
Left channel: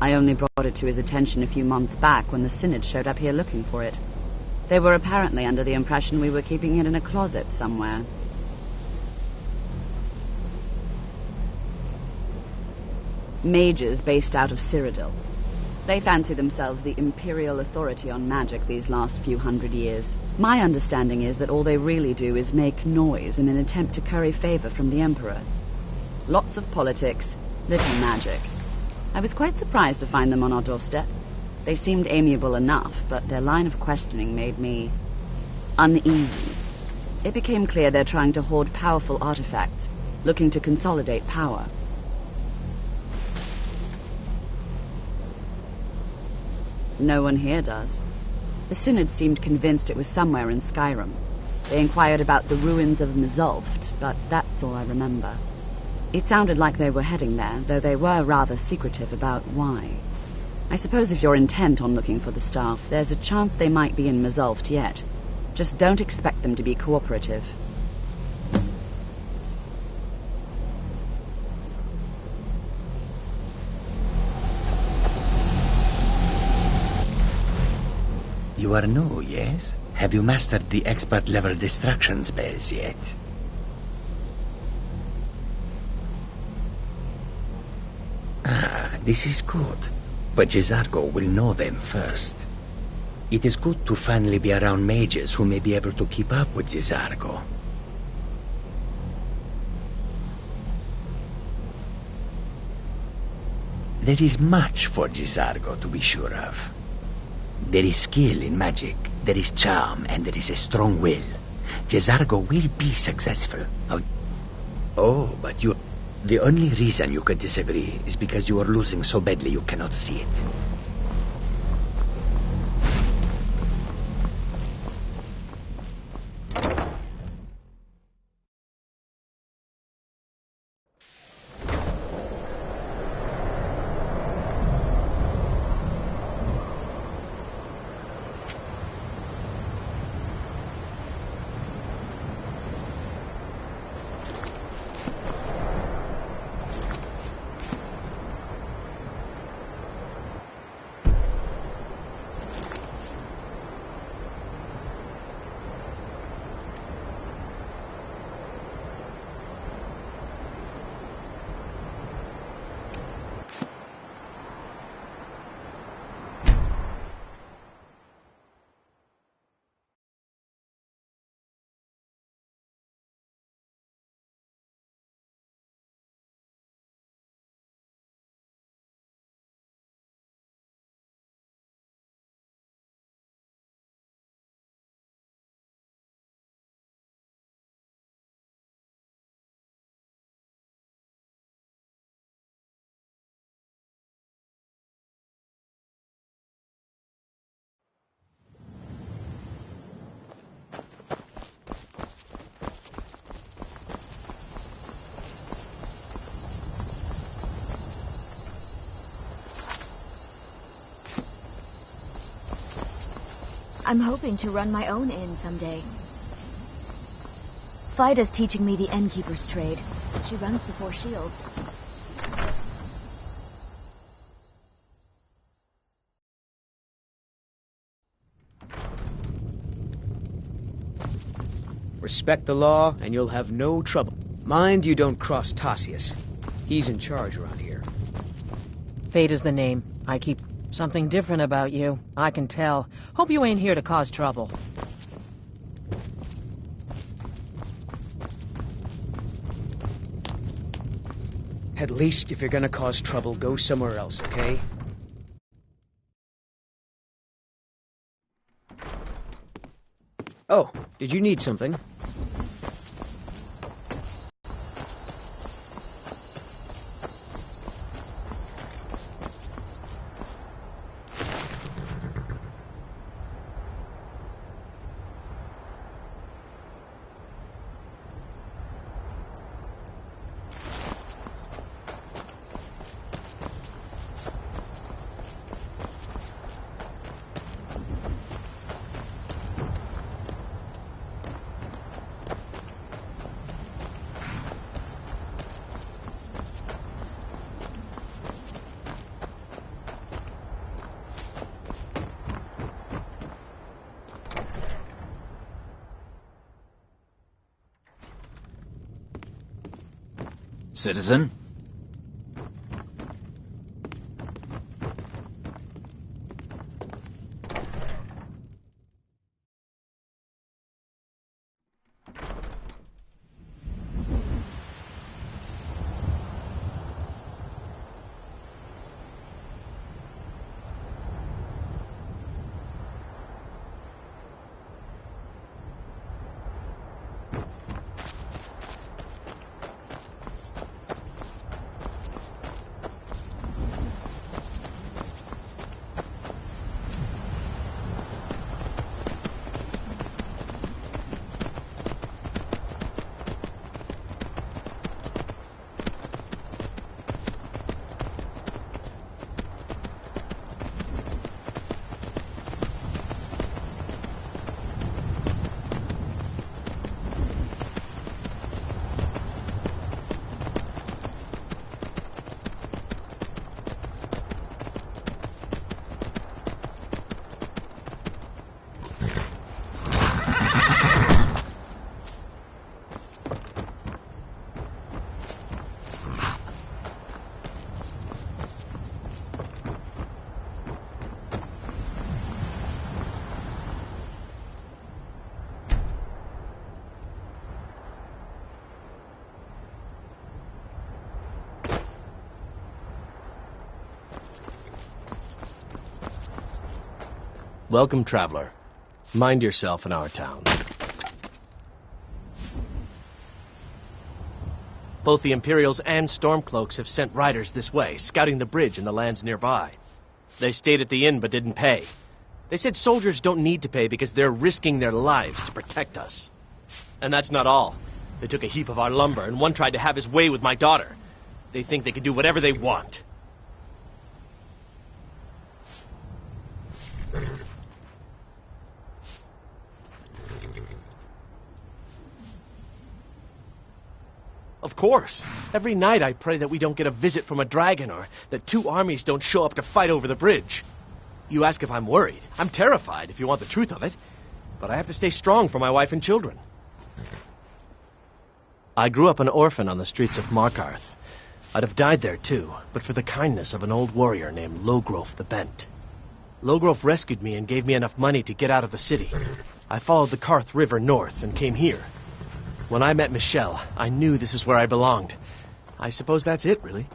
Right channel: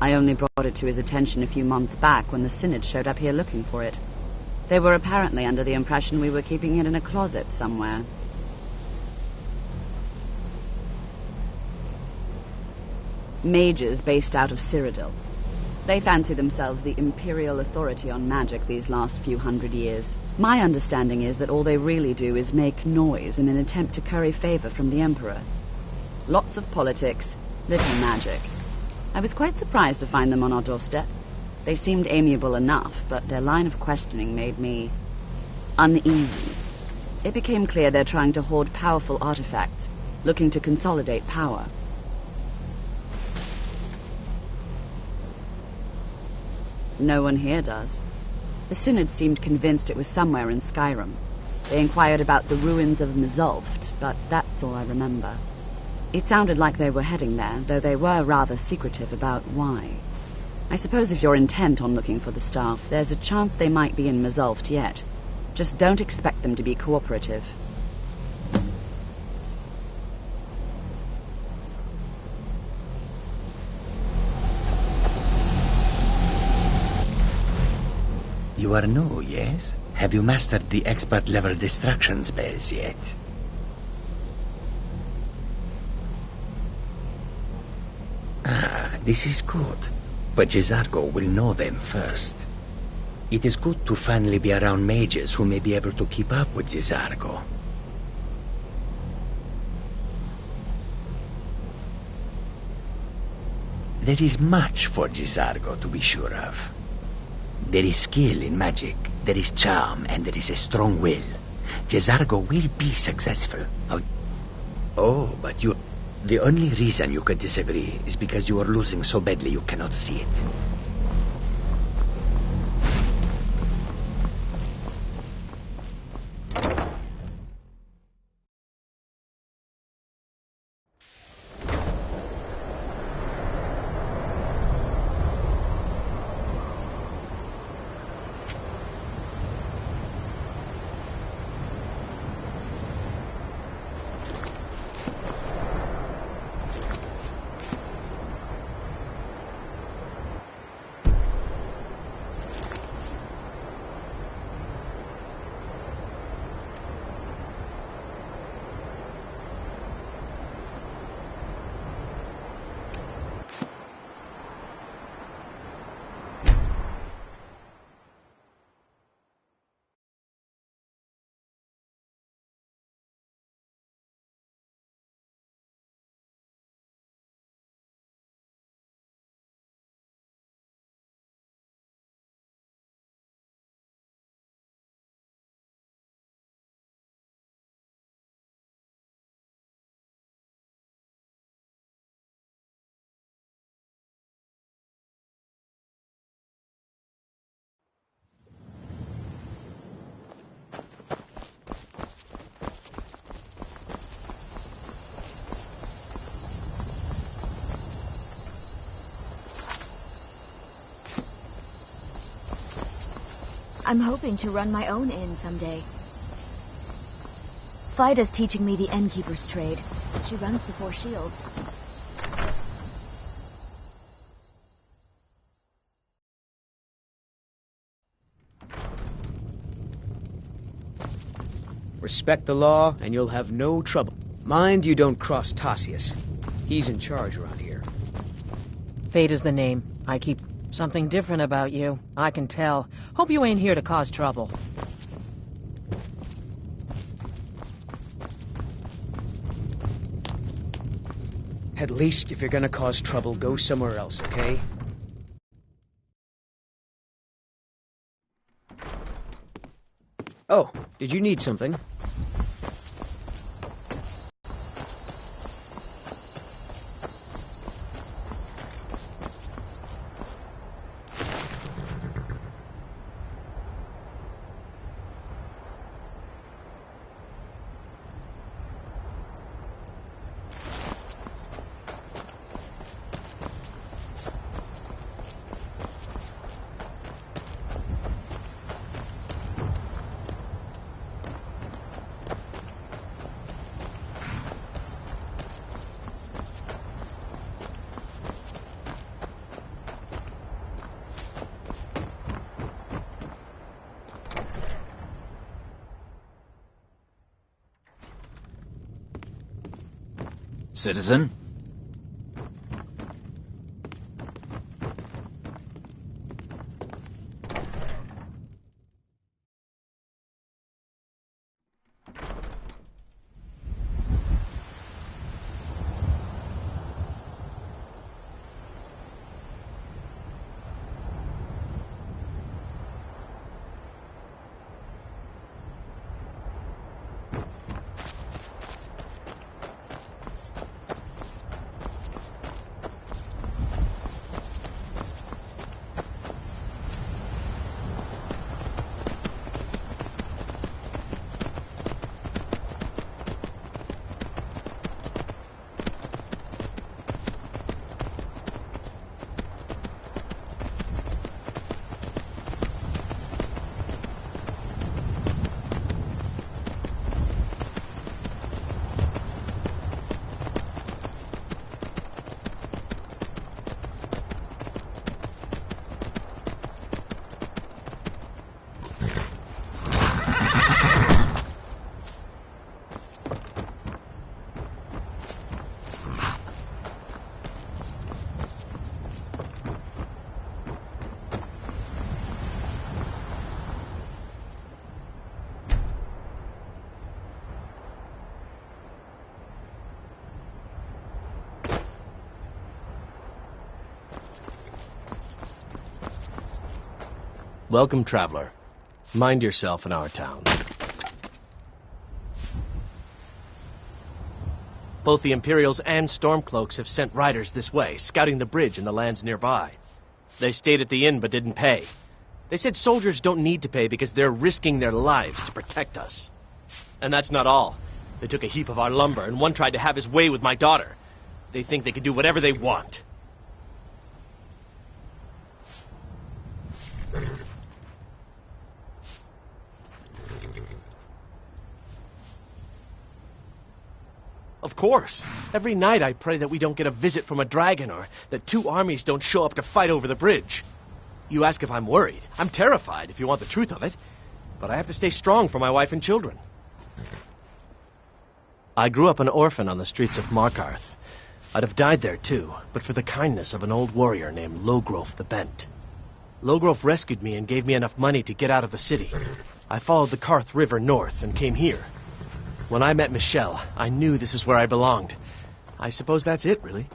I only brought it to his attention a few months back when the Synod showed up here looking for it. They were apparently under the impression we were keeping it in a closet somewhere. Mages based out of Cyrodiil. They fancy themselves the imperial authority on magic these last few hundred years. My understanding is that all they really do is make noise in an attempt to curry favor from the Emperor. Lots of politics, little magic. I was quite surprised to find them on our doorstep. They seemed amiable enough, but their line of questioning made me uneasy. It became clear they're trying to hoard powerful artifacts, looking to consolidate power. No one here does. The Synod seemed convinced it was somewhere in Skyrim. They inquired about the ruins of Mizulft, but that's all I remember. It sounded like they were heading there, though they were rather secretive about why. I suppose if you're intent on looking for the staff, there's a chance they might be in Mizulft yet. Just don't expect them to be cooperative. You are new, yes? Have you mastered the expert-level destruction spells yet? Ah, this is good. But Jizargo will know them first. It is good to finally be around mages who may be able to keep up with Jizargo. There is much for Gisargo to be sure of. There is skill in magic, there is charm, and there is a strong will. Gisargo will be successful. Oh, but you... The only reason you could disagree is because you are losing so badly you cannot see it. I'm hoping to run my own inn someday. Fida's teaching me the innkeeper's trade. She runs the Four Shields. Respect the law, and you'll have no trouble. Mind you don't cross Tassius. He's in charge around here. Fate is the name. I keep something different about you. I can tell. Hope you ain't here to cause trouble. At least, if you're gonna cause trouble, go somewhere else, okay? Oh, did you need something? Citizen? Welcome, traveler. Mind yourself in our town. Both the Imperials and Stormcloaks have sent riders this way, scouting the bridge and the lands nearby. They stayed at the inn but didn't pay. They said soldiers don't need to pay because they're risking their lives to protect us. And that's not all. They took a heap of our lumber, and one tried to have his way with my daughter. They think they can do whatever they want. Of course. Every night I pray that we don't get a visit from a dragon, or that two armies don't show up to fight over the bridge. You ask if I'm worried. I'm terrified, if you want the truth of it. But I have to stay strong for my wife and children. I grew up an orphan on the streets of Markarth. I'd have died there too, but for the kindness of an old warrior named Logrove the Bent. Logrove rescued me and gave me enough money to get out of the city. I followed the Karth River north and came here. When I met Michelle, I knew this is where I belonged. I suppose that's it, really.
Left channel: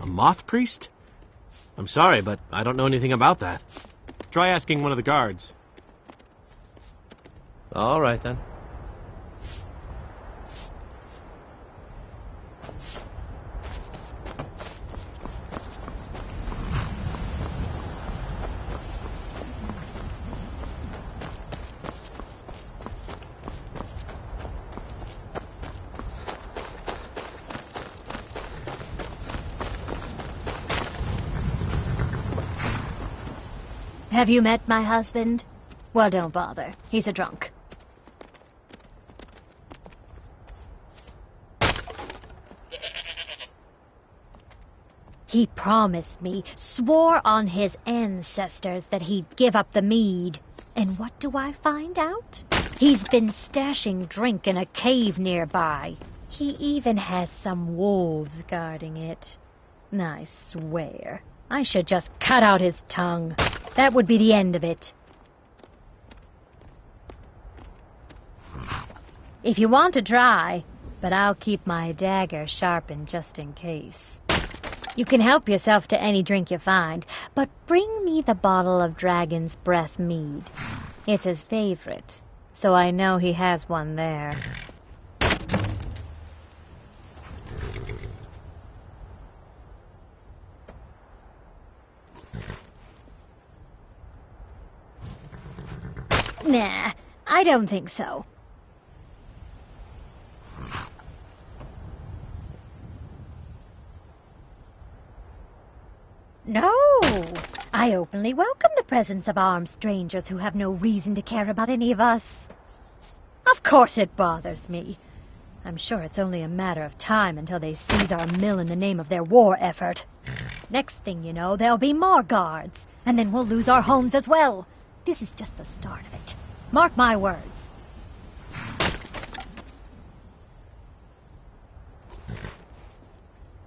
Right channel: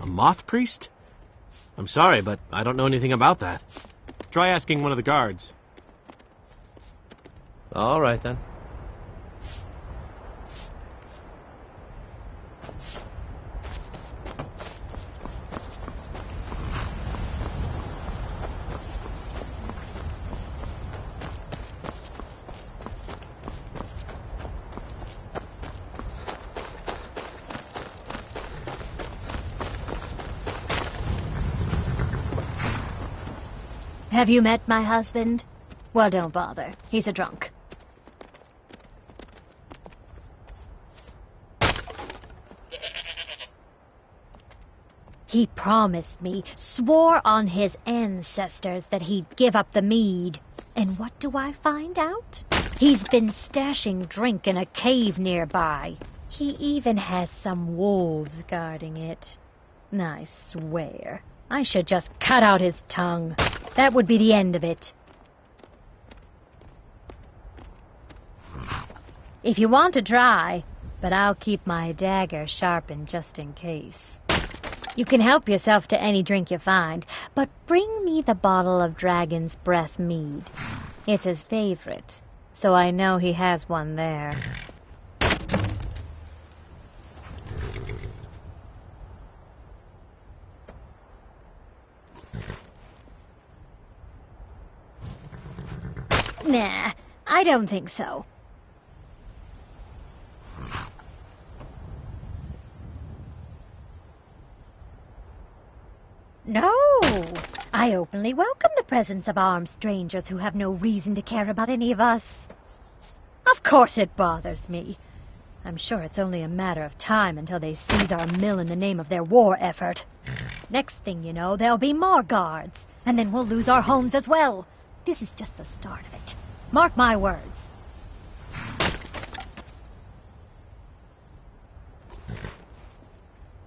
A moth priest? I'm sorry, but I don't know anything about that. Try asking one of the guards. All right, then. Have you met my husband? Well, don't bother. He's a drunk. He promised me, swore on his ancestors that he'd give up the mead. And what do I find out? He's been stashing drink in a cave nearby. He even has some wolves guarding it. I swear, I should just cut out his tongue. That would be the end of it. If you want to try, but I'll keep my dagger sharpened just in case. You can help yourself to any drink you find, but bring me the bottle of Dragon's Breath mead. It's his favorite, so I know he has one there. Nah, I don't think so. No, I openly welcome the presence of armed strangers who have no reason to care about any of us. Of course it bothers me. I'm sure it's only a matter of time until they seize our mill in the name of their war effort. Next thing you know, there'll be more guards, and then we'll lose our homes as well. This is just the start of it. Mark my words.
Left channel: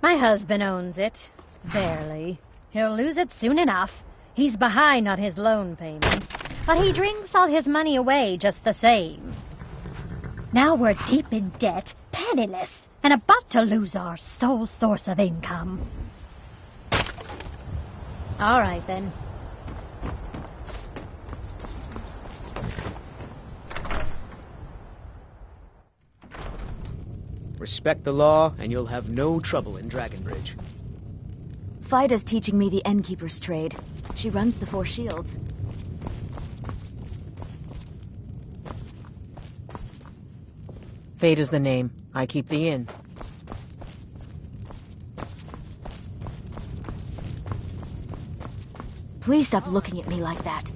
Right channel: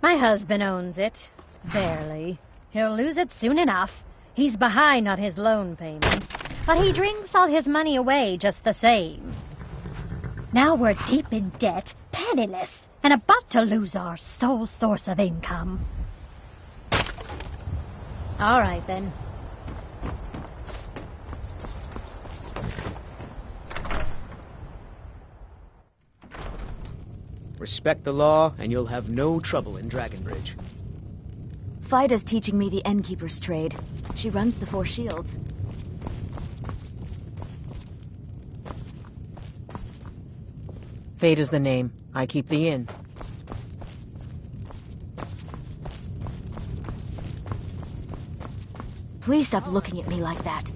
My husband owns it. Barely. He'll lose it soon enough. He's behind on his loan payments, but he drinks all his money away just the same. Now we're deep in debt, penniless, and about to lose our sole source of income. All right, then. Respect the law, and you'll have no trouble in Dragonbridge. Fida's teaching me the innkeeper's trade. She runs the Four Shields. Fate is the name. I keep the inn. Please stop looking at me like that.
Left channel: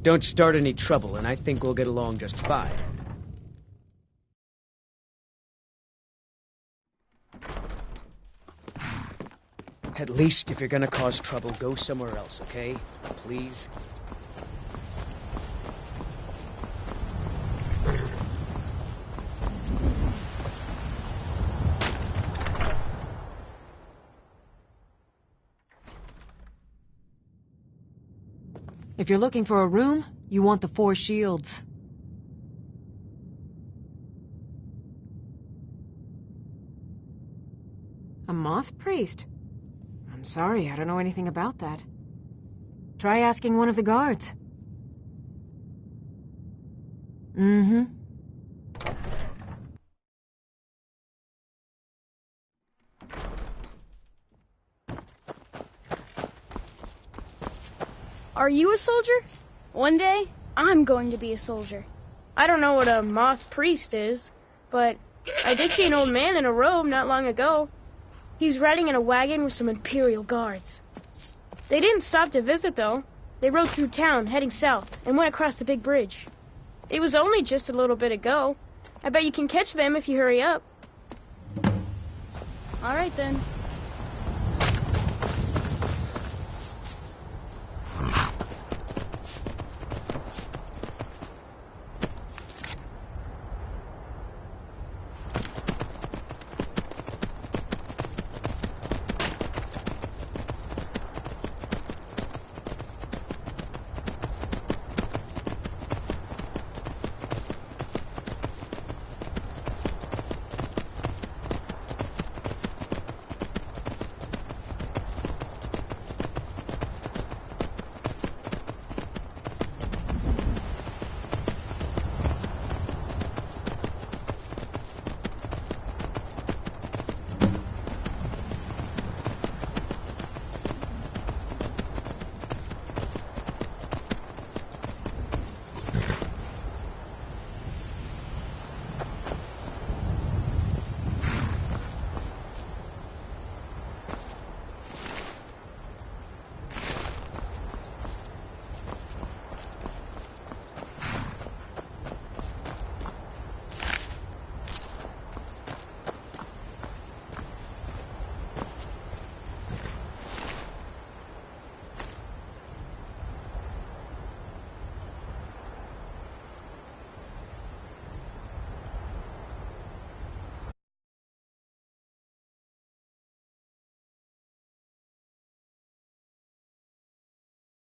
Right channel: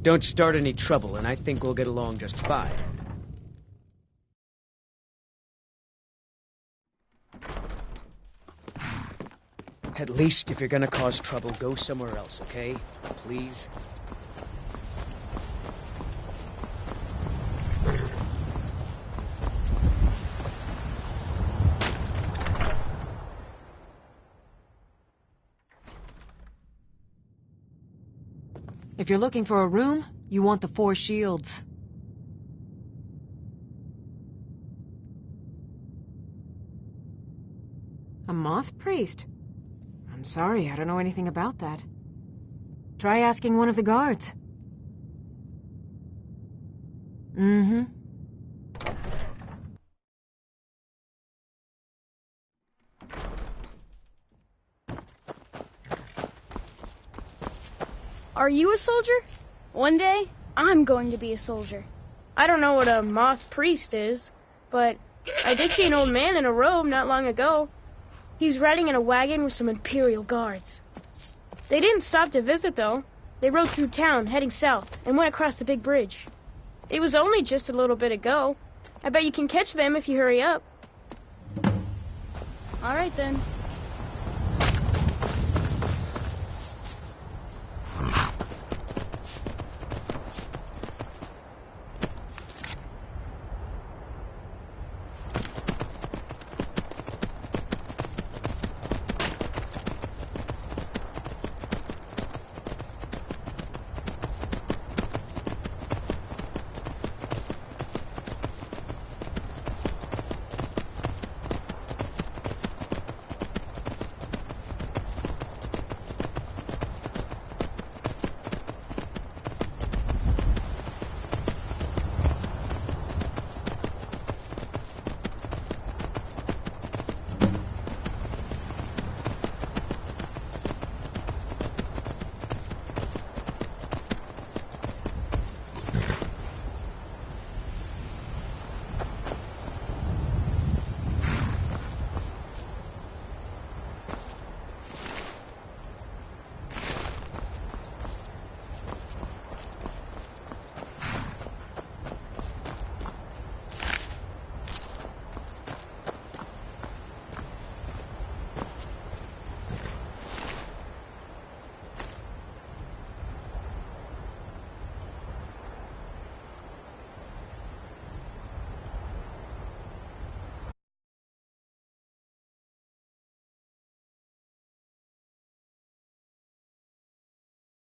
Don't start any trouble, and I think we'll get along just fine. At least, if you're gonna cause trouble, go somewhere else, okay? Please? If you're looking for a room, you want the Four Shields. A moth priest? I'm sorry, I don't know anything about that. Try asking one of the guards. Mm-hmm. Are you a soldier? One day, I'm going to be a soldier. I don't know what a moth priest is, but I did see an old man in a robe not long ago. He's riding in a wagon with some Imperial guards. They didn't stop to visit, though. They rode through town, heading south, and went across the big bridge. It was only just a little bit ago. I bet you can catch them if you hurry up. All right, then.